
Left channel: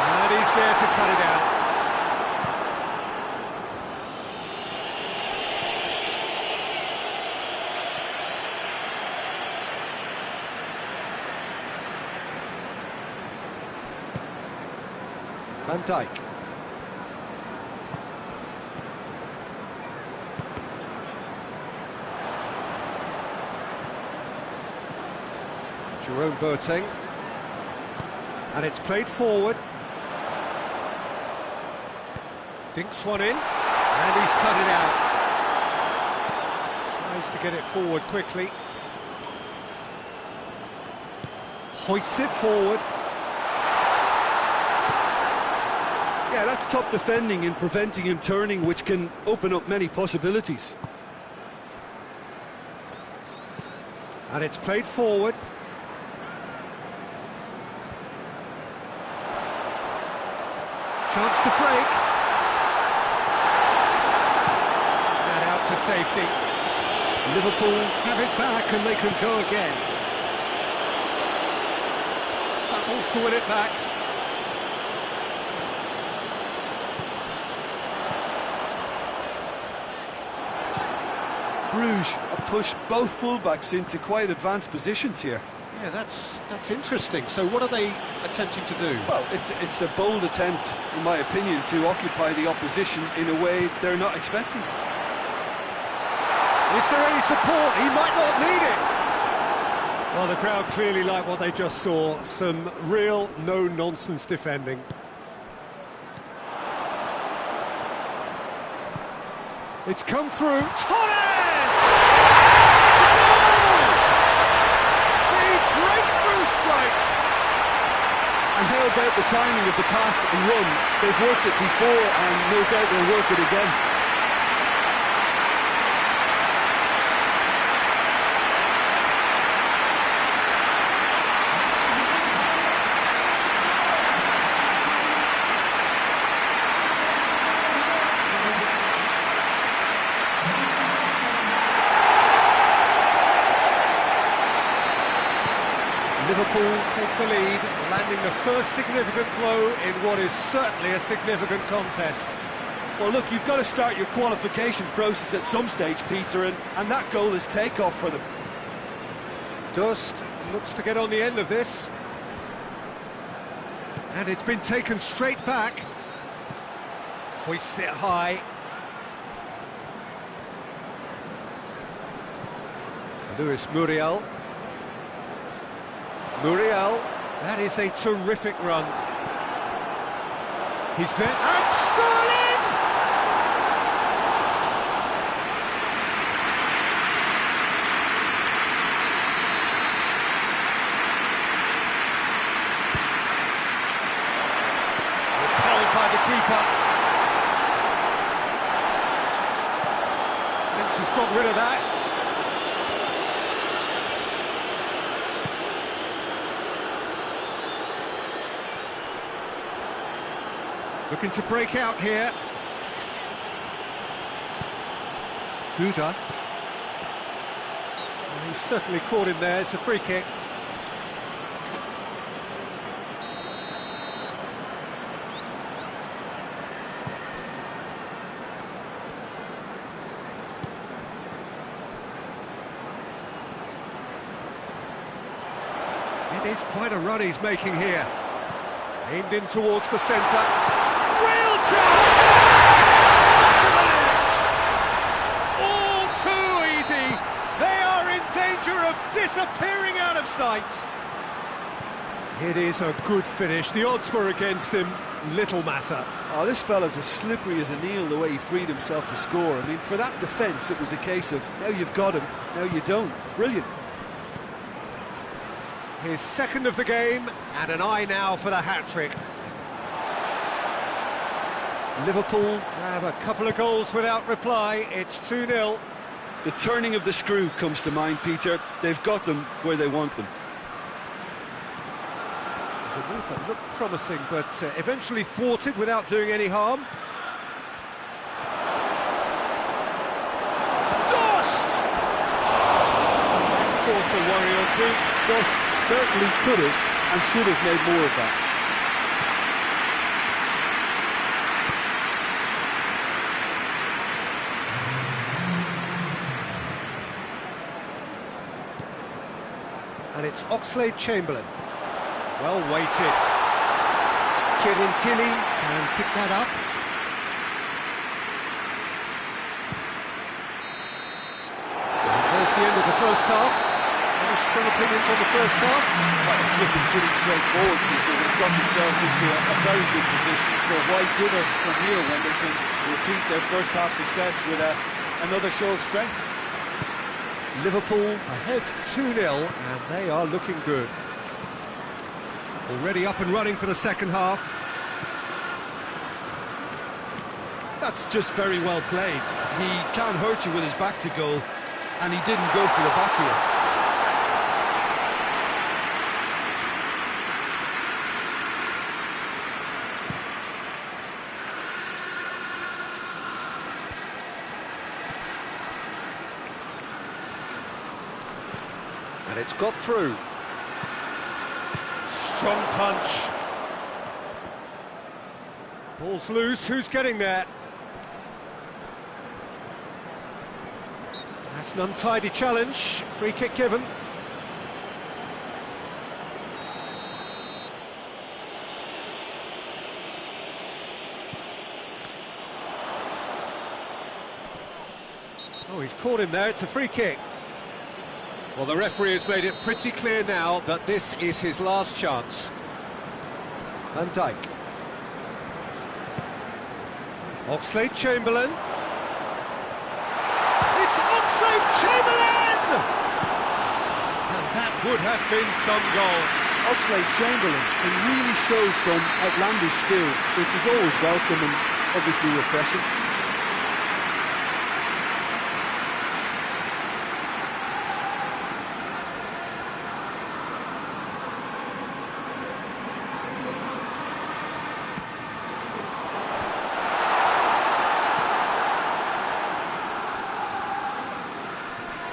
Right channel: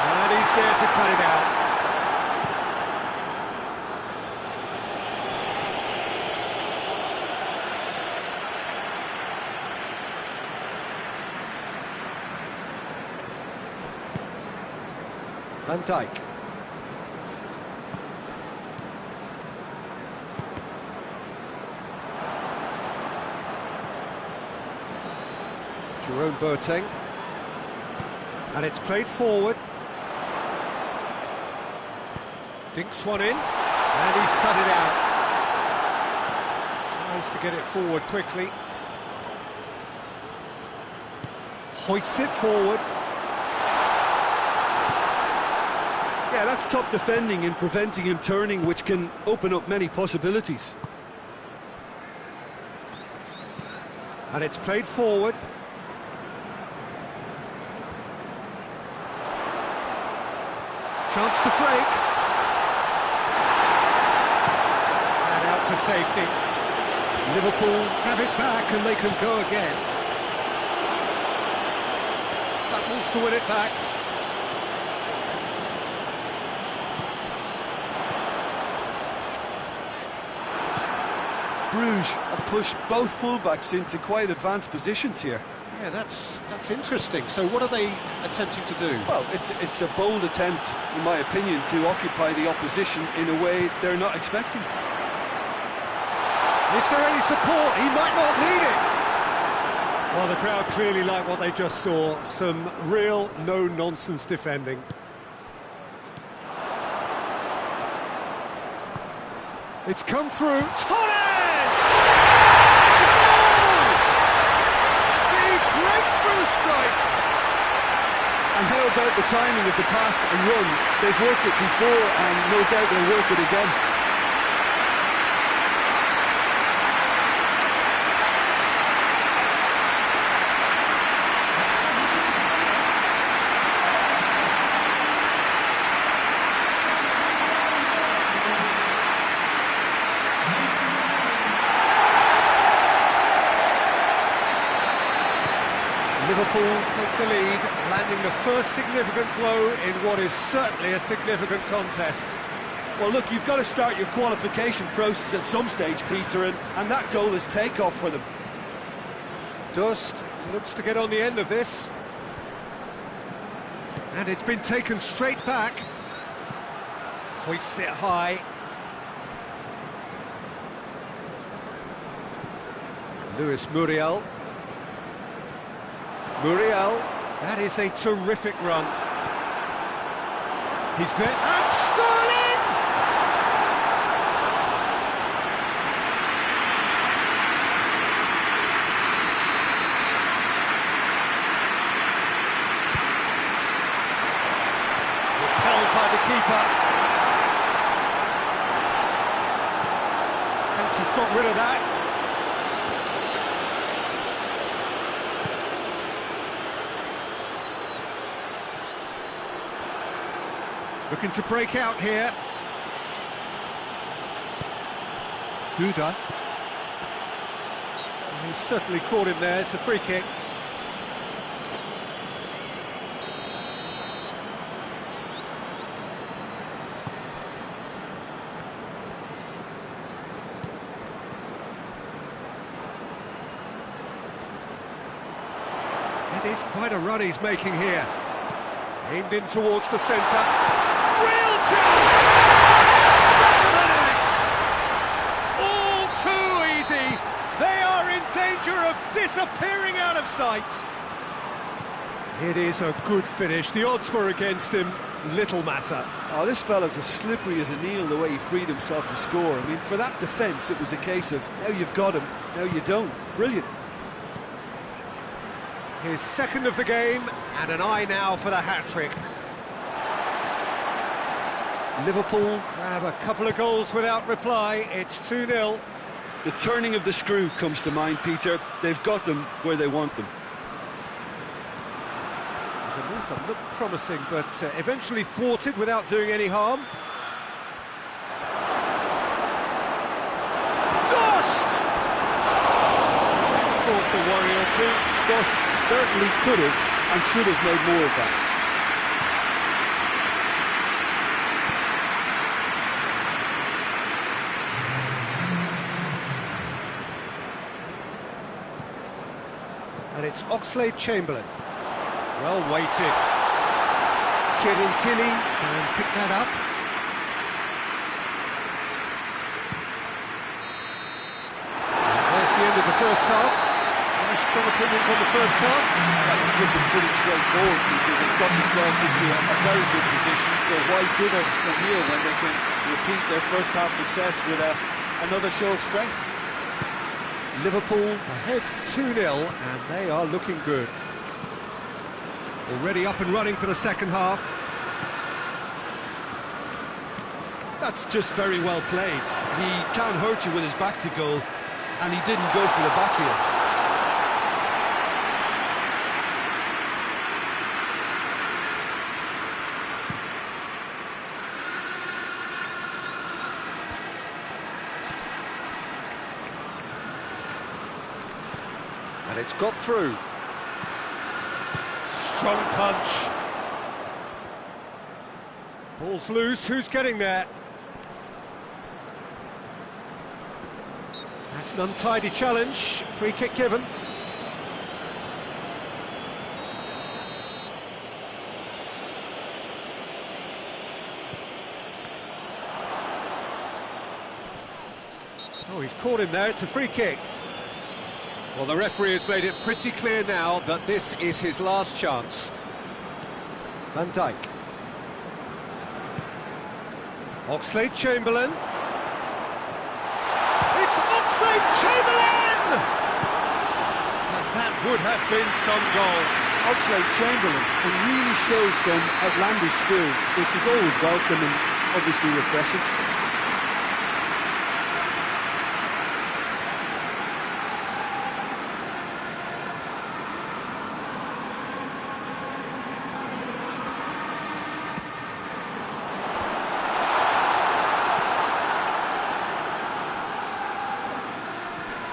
And he's there to cut it out. Van Dijk. Jerome Boateng. And it's played forward. Dinks one in, and he's cut it out. Tries to get it forward quickly. Hoists it forward. Yeah, that's top defending and preventing him turning, which can open up many possibilities. And it's played forward. Chance to break. And out to safety. Liverpool have it back and they can go again. Battles to win it back. Bruges have pushed both fullbacks into quite advanced positions here. Yeah, that's interesting. So what are they attempting to do? Well, it's a bold attempt, in my opinion, to occupy the opposition in a way they're not expecting. Is there any support? He might not need it. Well, the crowd clearly like what they just saw. Some real no-nonsense defending. It's come through. Torres! It's a goal! The breakthrough strike! And how about the timing of the pass and run? They've worked it before and no doubt they'll work it again. Liverpool take the lead, landing the first significant blow in what is certainly a significant contest. Well, look, you've got to start your qualification process at some stage, Peter, and that goal is takeoff for them. Dust looks to get on the end of this. And it's been taken straight back. Hoists it high. Luis Muriel. Muriel, that is a terrific run. He's there, and Sterling! Repelled by the keeper. Fence has got rid of that. Looking to break out here. Duda. Well, he's certainly caught him there. It's a free kick. It is quite a run he's making here. Aimed in towards the centre. Real chance! Back of the net! All too easy. They are in danger of disappearing out of sight. It is a good finish. The odds were against him. Little matter. Oh, this fella's as slippery as an eel the way he freed himself to score. I mean, for that defence, it was a case of now you've got him, now you don't. Brilliant. His second of the game, and an eye now for the hat-trick. Liverpool grab a couple of goals without reply. It's 2-0. The turning of the screw comes to mind, Peter. They've got them where they want them. There's a move that looked promising, but eventually thwarted without doing any harm. Dust! That's caused a worry or two. Dust certainly could have and should have made more of that. And it's Oxlade-Chamberlain. Well weighted. Kieran Tilly can pick that up. And there's the end of the first half. Any strong opinions on the first half? Well, it's looking pretty straightforward, Peter. They've got themselves into a very good position, so why dither from here when they can repeat their first half success with another show of strength? Liverpool ahead 2-0, and they are looking good. Already up and running for the second half. That's just very well played. He can't hurt you with his back to goal, and he didn't go for the back heel. And it's got through. Strong punch. Ball's loose, who's getting there? That's an untidy challenge, free kick given. Oh, he's caught him there, it's a free kick. Well, the referee has made it pretty clear now that this is his last chance. Van Dijk. Oxlade-Chamberlain. It's Oxlade-Chamberlain! And that would have been some goal. Oxlade-Chamberlain can really show some outlandish skills, which is always welcome and obviously refreshing.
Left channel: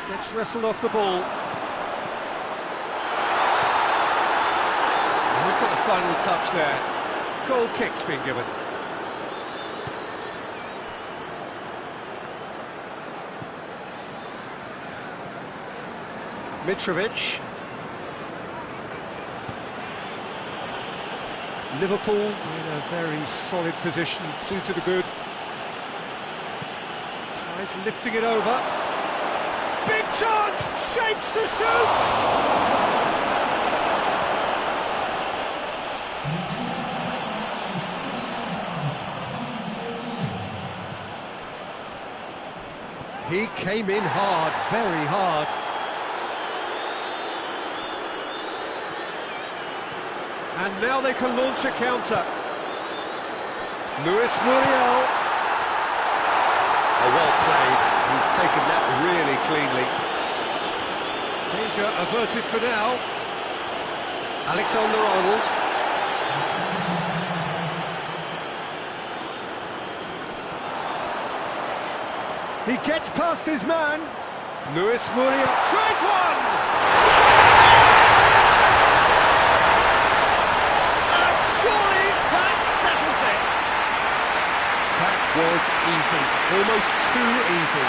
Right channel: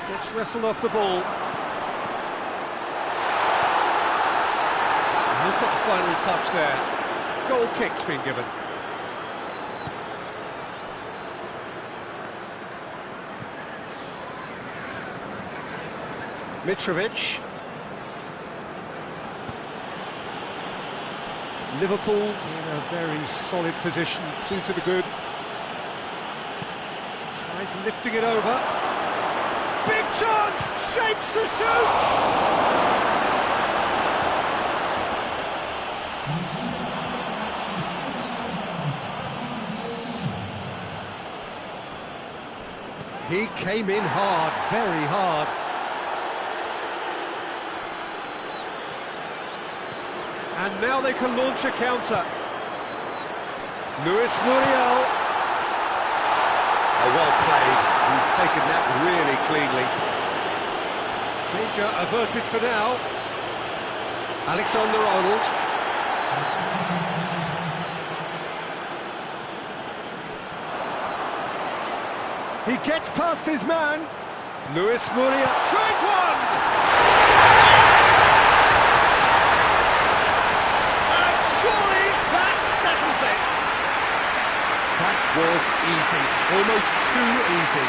Gets wrestled off the ball. And he's got the final touch there. Goal kick's been given. Mitrovic. Liverpool in a very solid position, 2 to the good. Tries lifting it over. Big chance! Shapes to shoot! He came in hard, very hard. And now they can launch a counter. Luis Muriel. Oh, well played. He's taken that really cleanly. Danger averted for now. Alexander-Arnold. He gets past his man. Luis Muriel tries one! And surely that settles it. That was easy, almost too easy.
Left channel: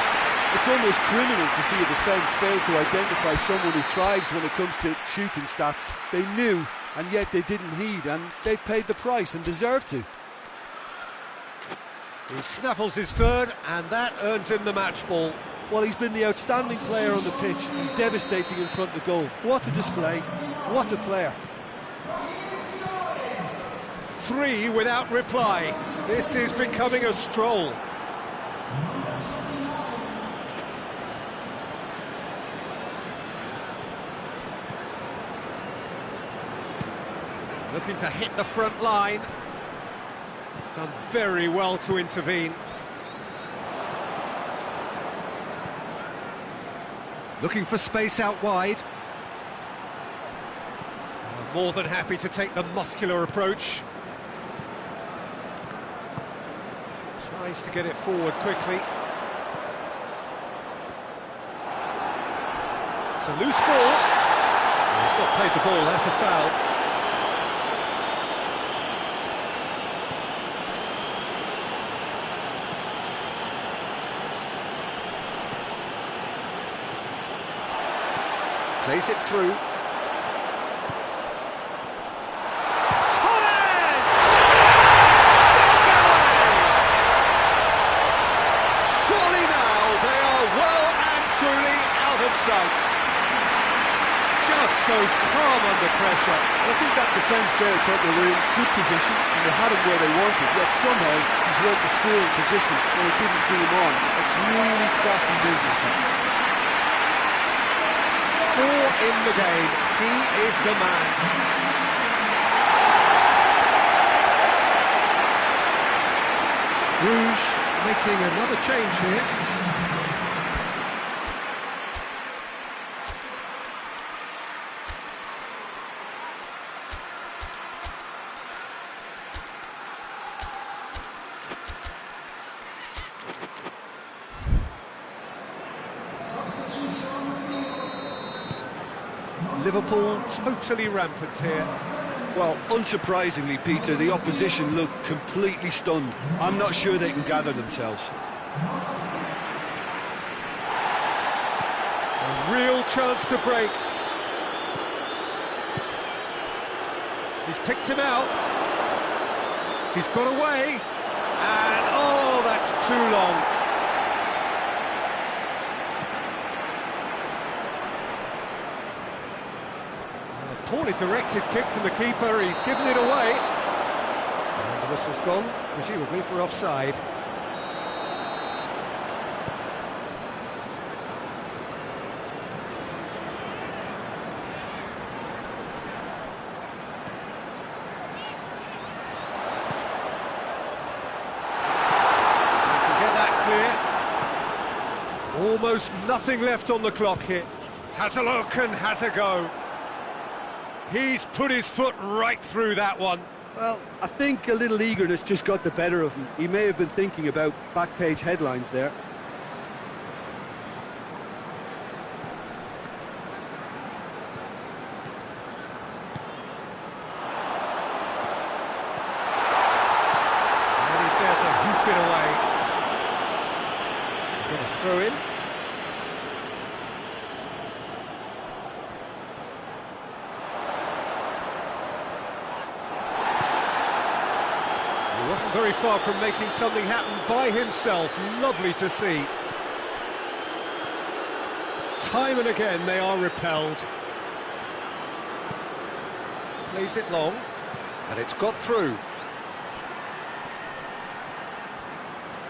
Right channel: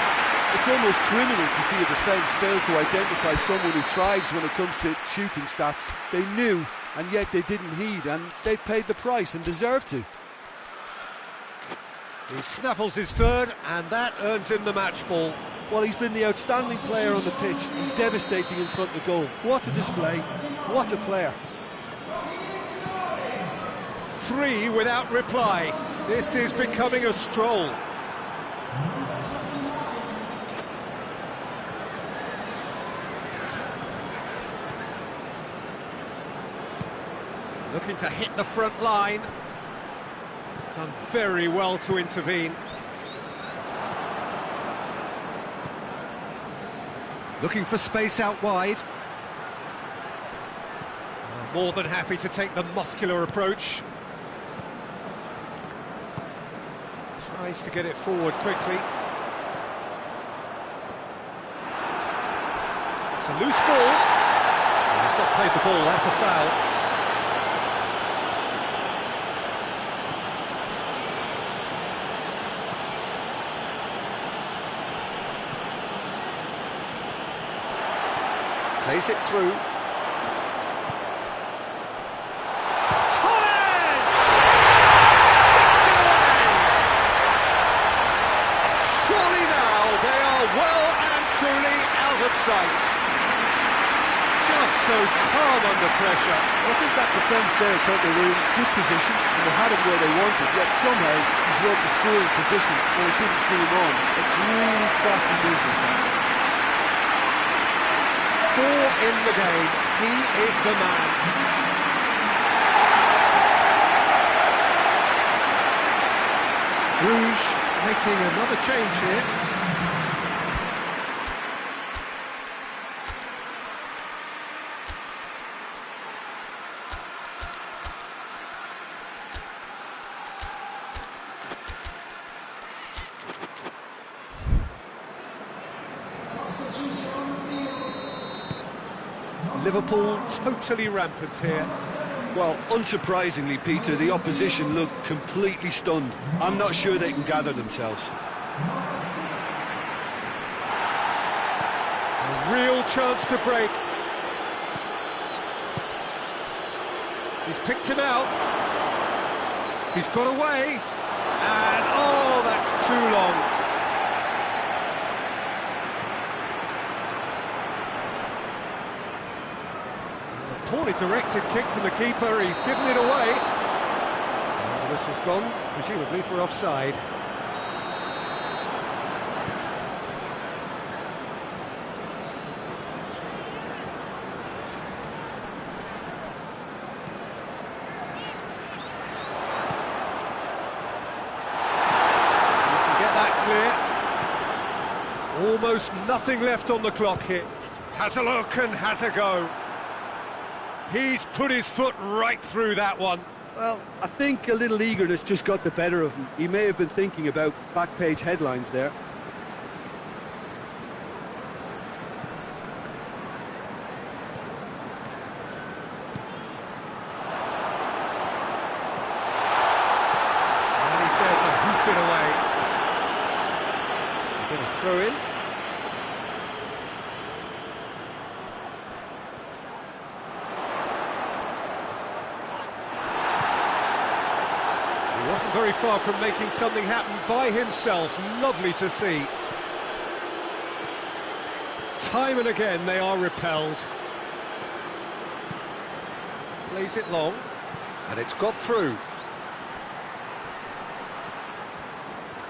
It's almost criminal to see a defence fail to identify someone who thrives when it comes to shooting stats. They knew, and yet they didn't heed, and they've paid the price and deserve to. He snaffles his third, and that earns him the match ball. Well, he's been the outstanding player on the pitch and devastating in front of goal. What a display, what a player. 3 without reply. This is becoming a stroll. Looking to hit the front line. Done very well to intervene. Looking for space out wide. More than happy to take the muscular approach. Tries to get it forward quickly. It's a loose ball. Well, he's not played the ball, that's a foul. Plays it through. Torres! Steps it away! Surely now they are well and truly out of sight. Just so calm under pressure. Well, I think that defence there thought they were in good position and they had him where they wanted, yet somehow he's worked the scoring position when it didn't see him on. It's really crafty business now. 4 in the game, he is the man. Bruges making another change here. Liverpool totally rampant here. Well, unsurprisingly, Peter, the opposition look completely stunned. I'm not sure they can gather themselves. A real chance to break. He's picked him out. He's got away. And, oh, that's too long. Poorly directed kick from the keeper, he's given it away. And the whistle's gone, presumably for offside. You can get that clear. Almost nothing left on the clock here. Has a look and has a go. He's put his foot right through that one. Well, I think a little eagerness just got the better of him. He may have been thinking about back-page headlines there. And he's there to hoof it away. They're going to throw in. He wasn't very far from making something happen by himself. Lovely to see. Time and again they are repelled. Plays it long, and it's got through.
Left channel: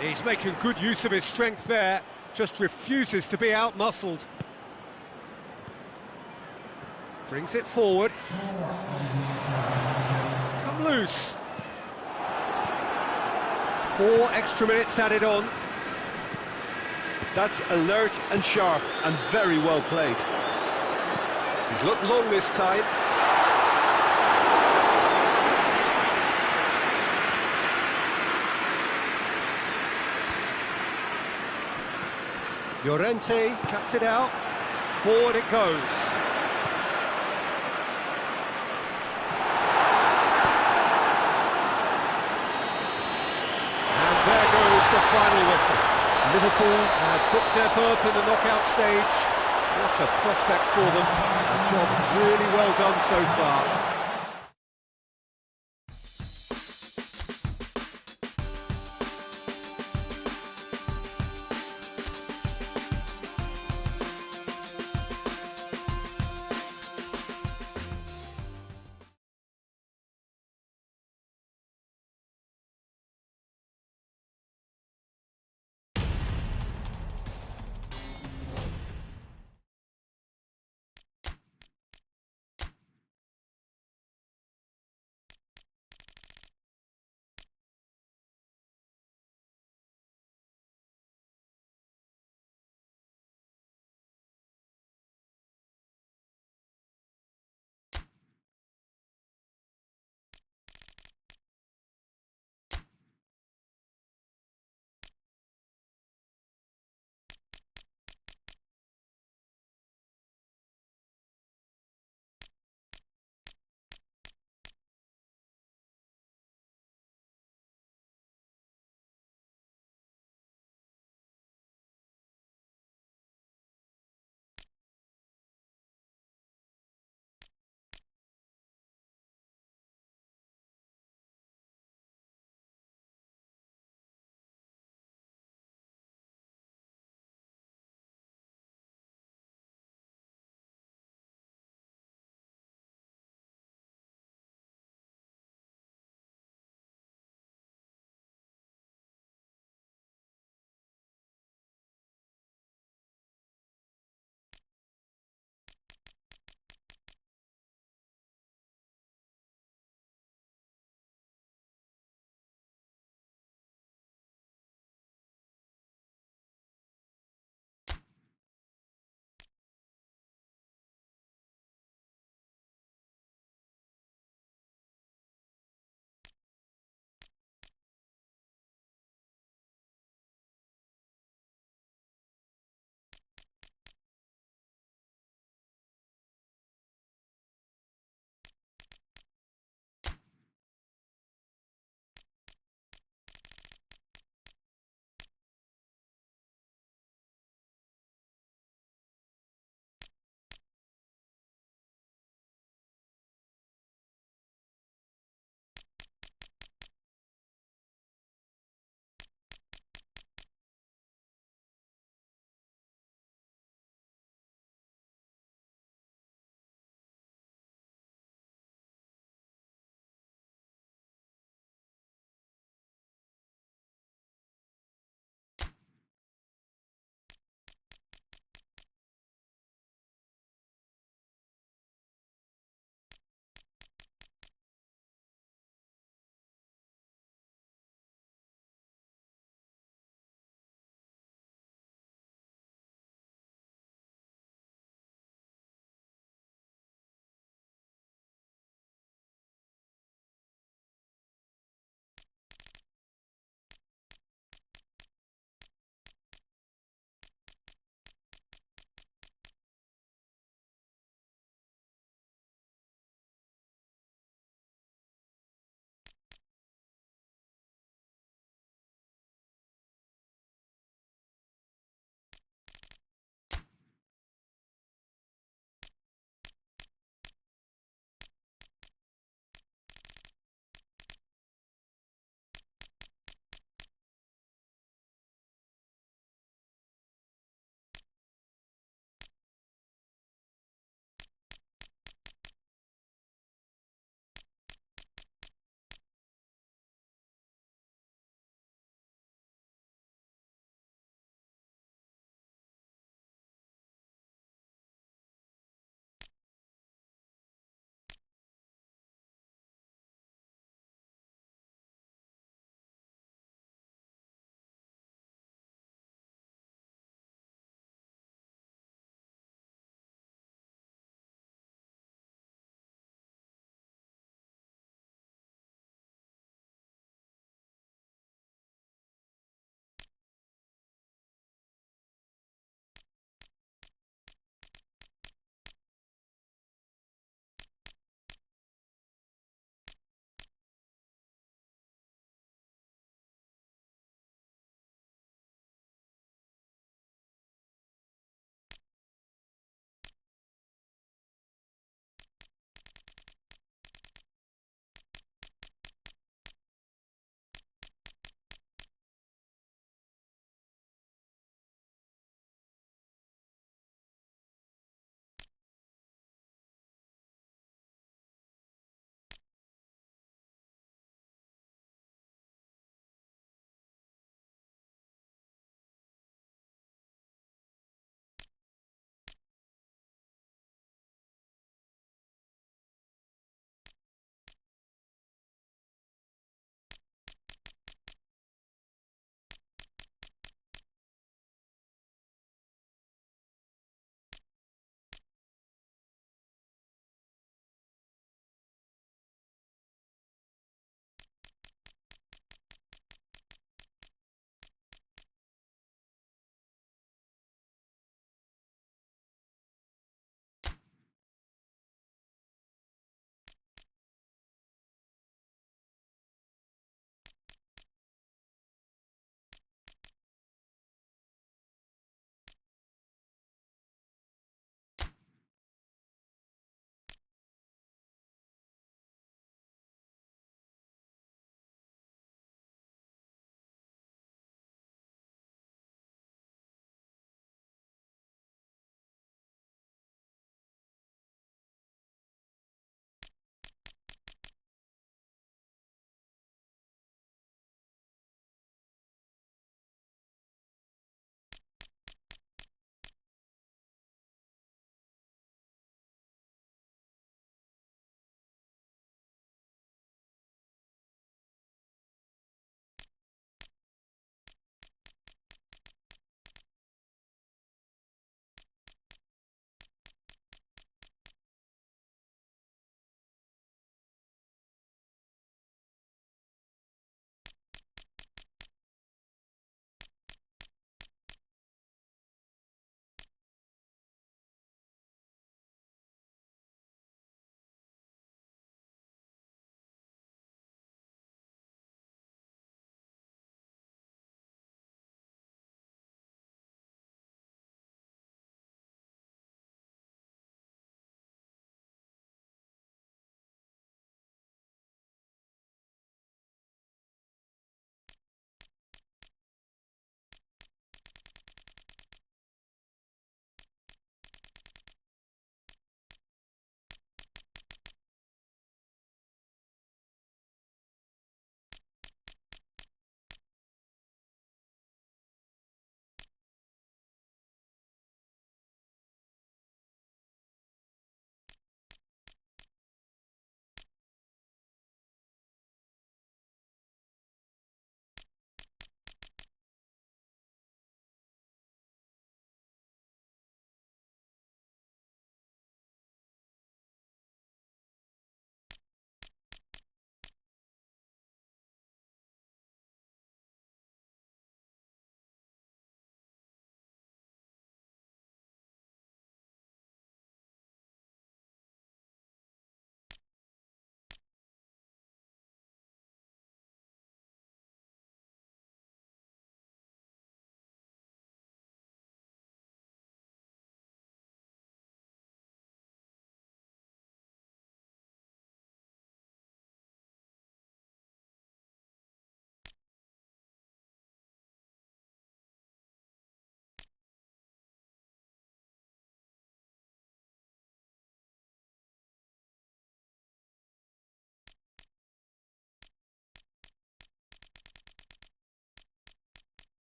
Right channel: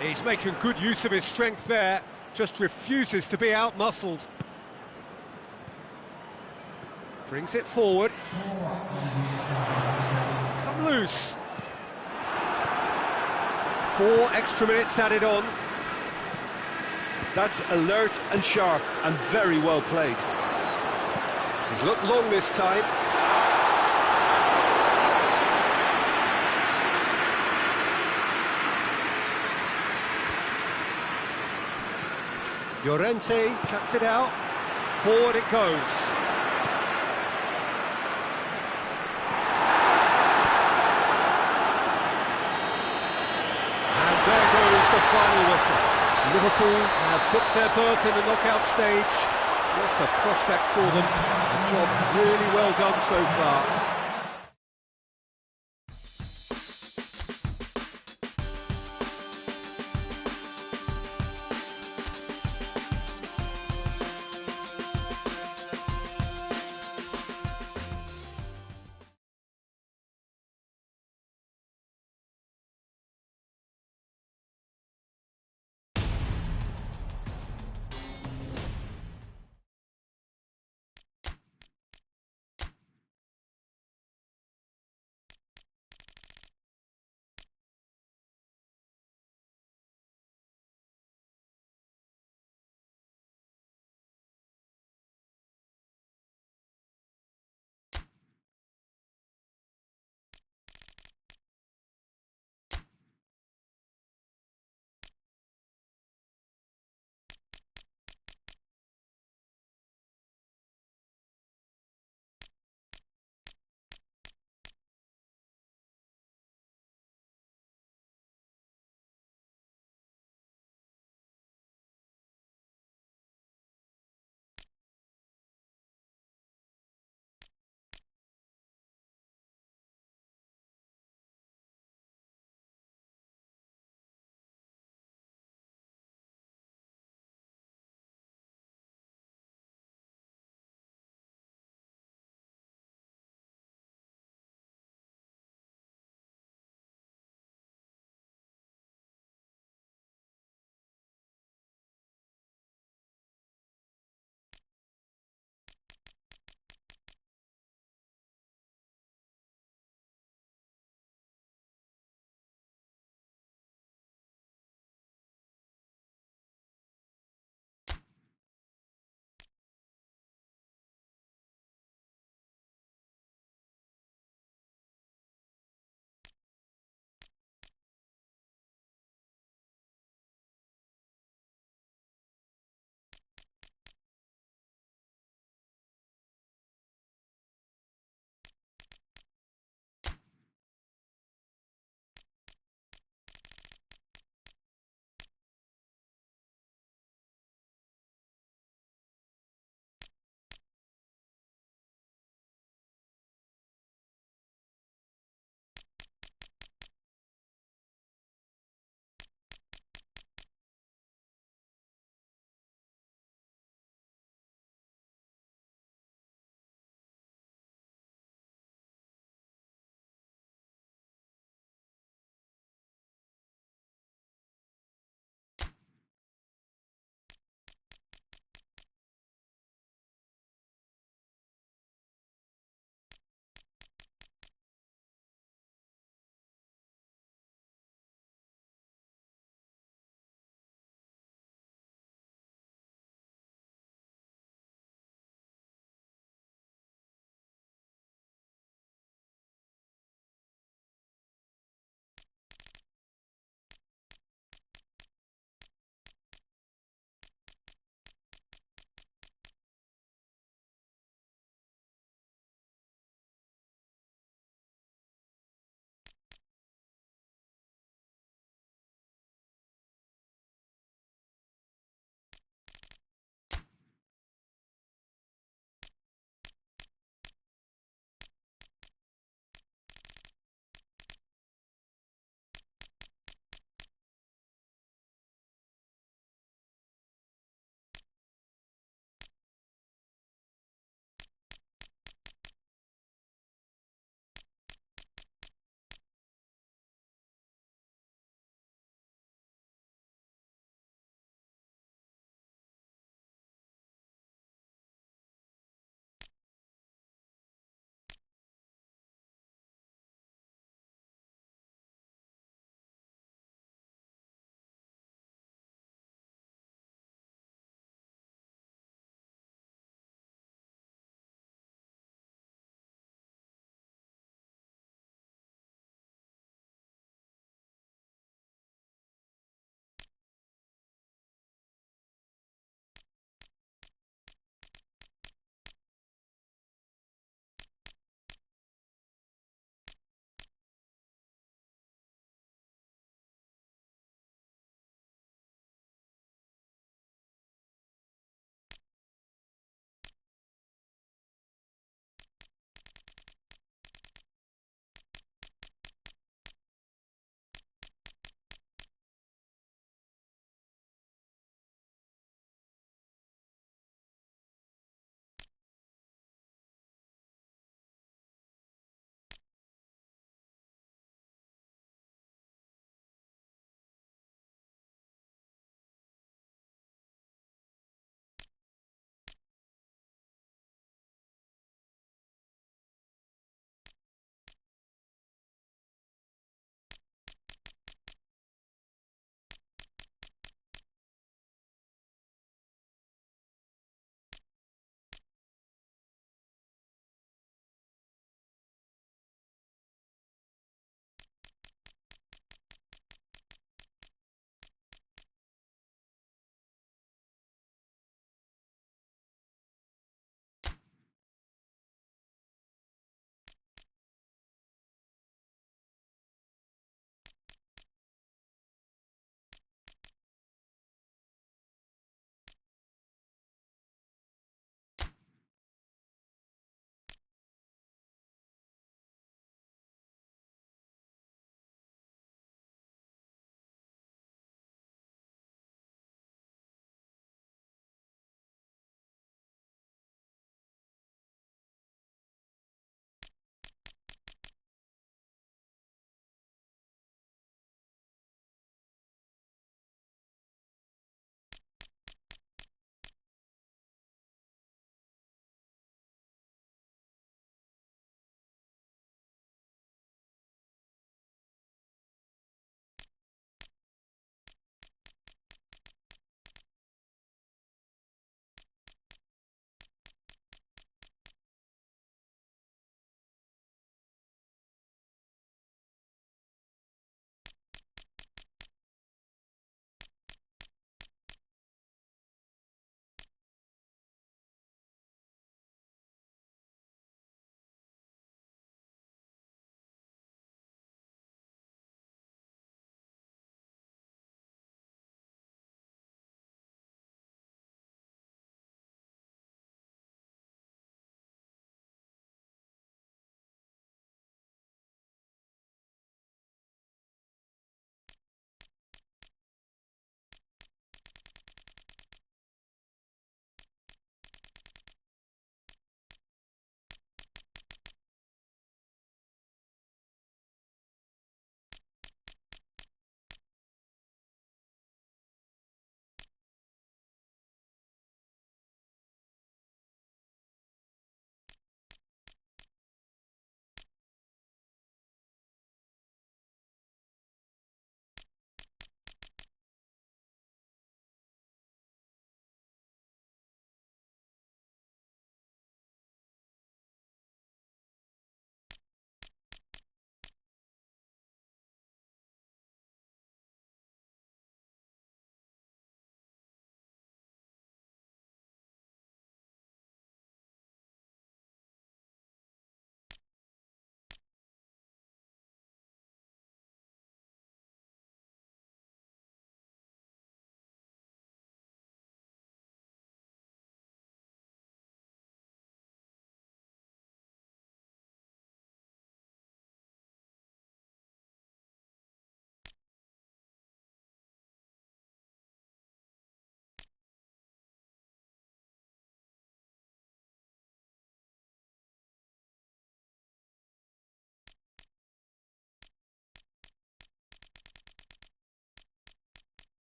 He's making good use of his strength there, just refuses to be out-muscled. Brings it forward. It's come loose. 4 extra minutes added on. That's alert and sharp and very well played. He's looked long this time. Llorente cuts it out. Forward it goes. And there goes the final whistle. Liverpool have booked their berth in the knockout stage. What a prospect for them. A job really well done so far.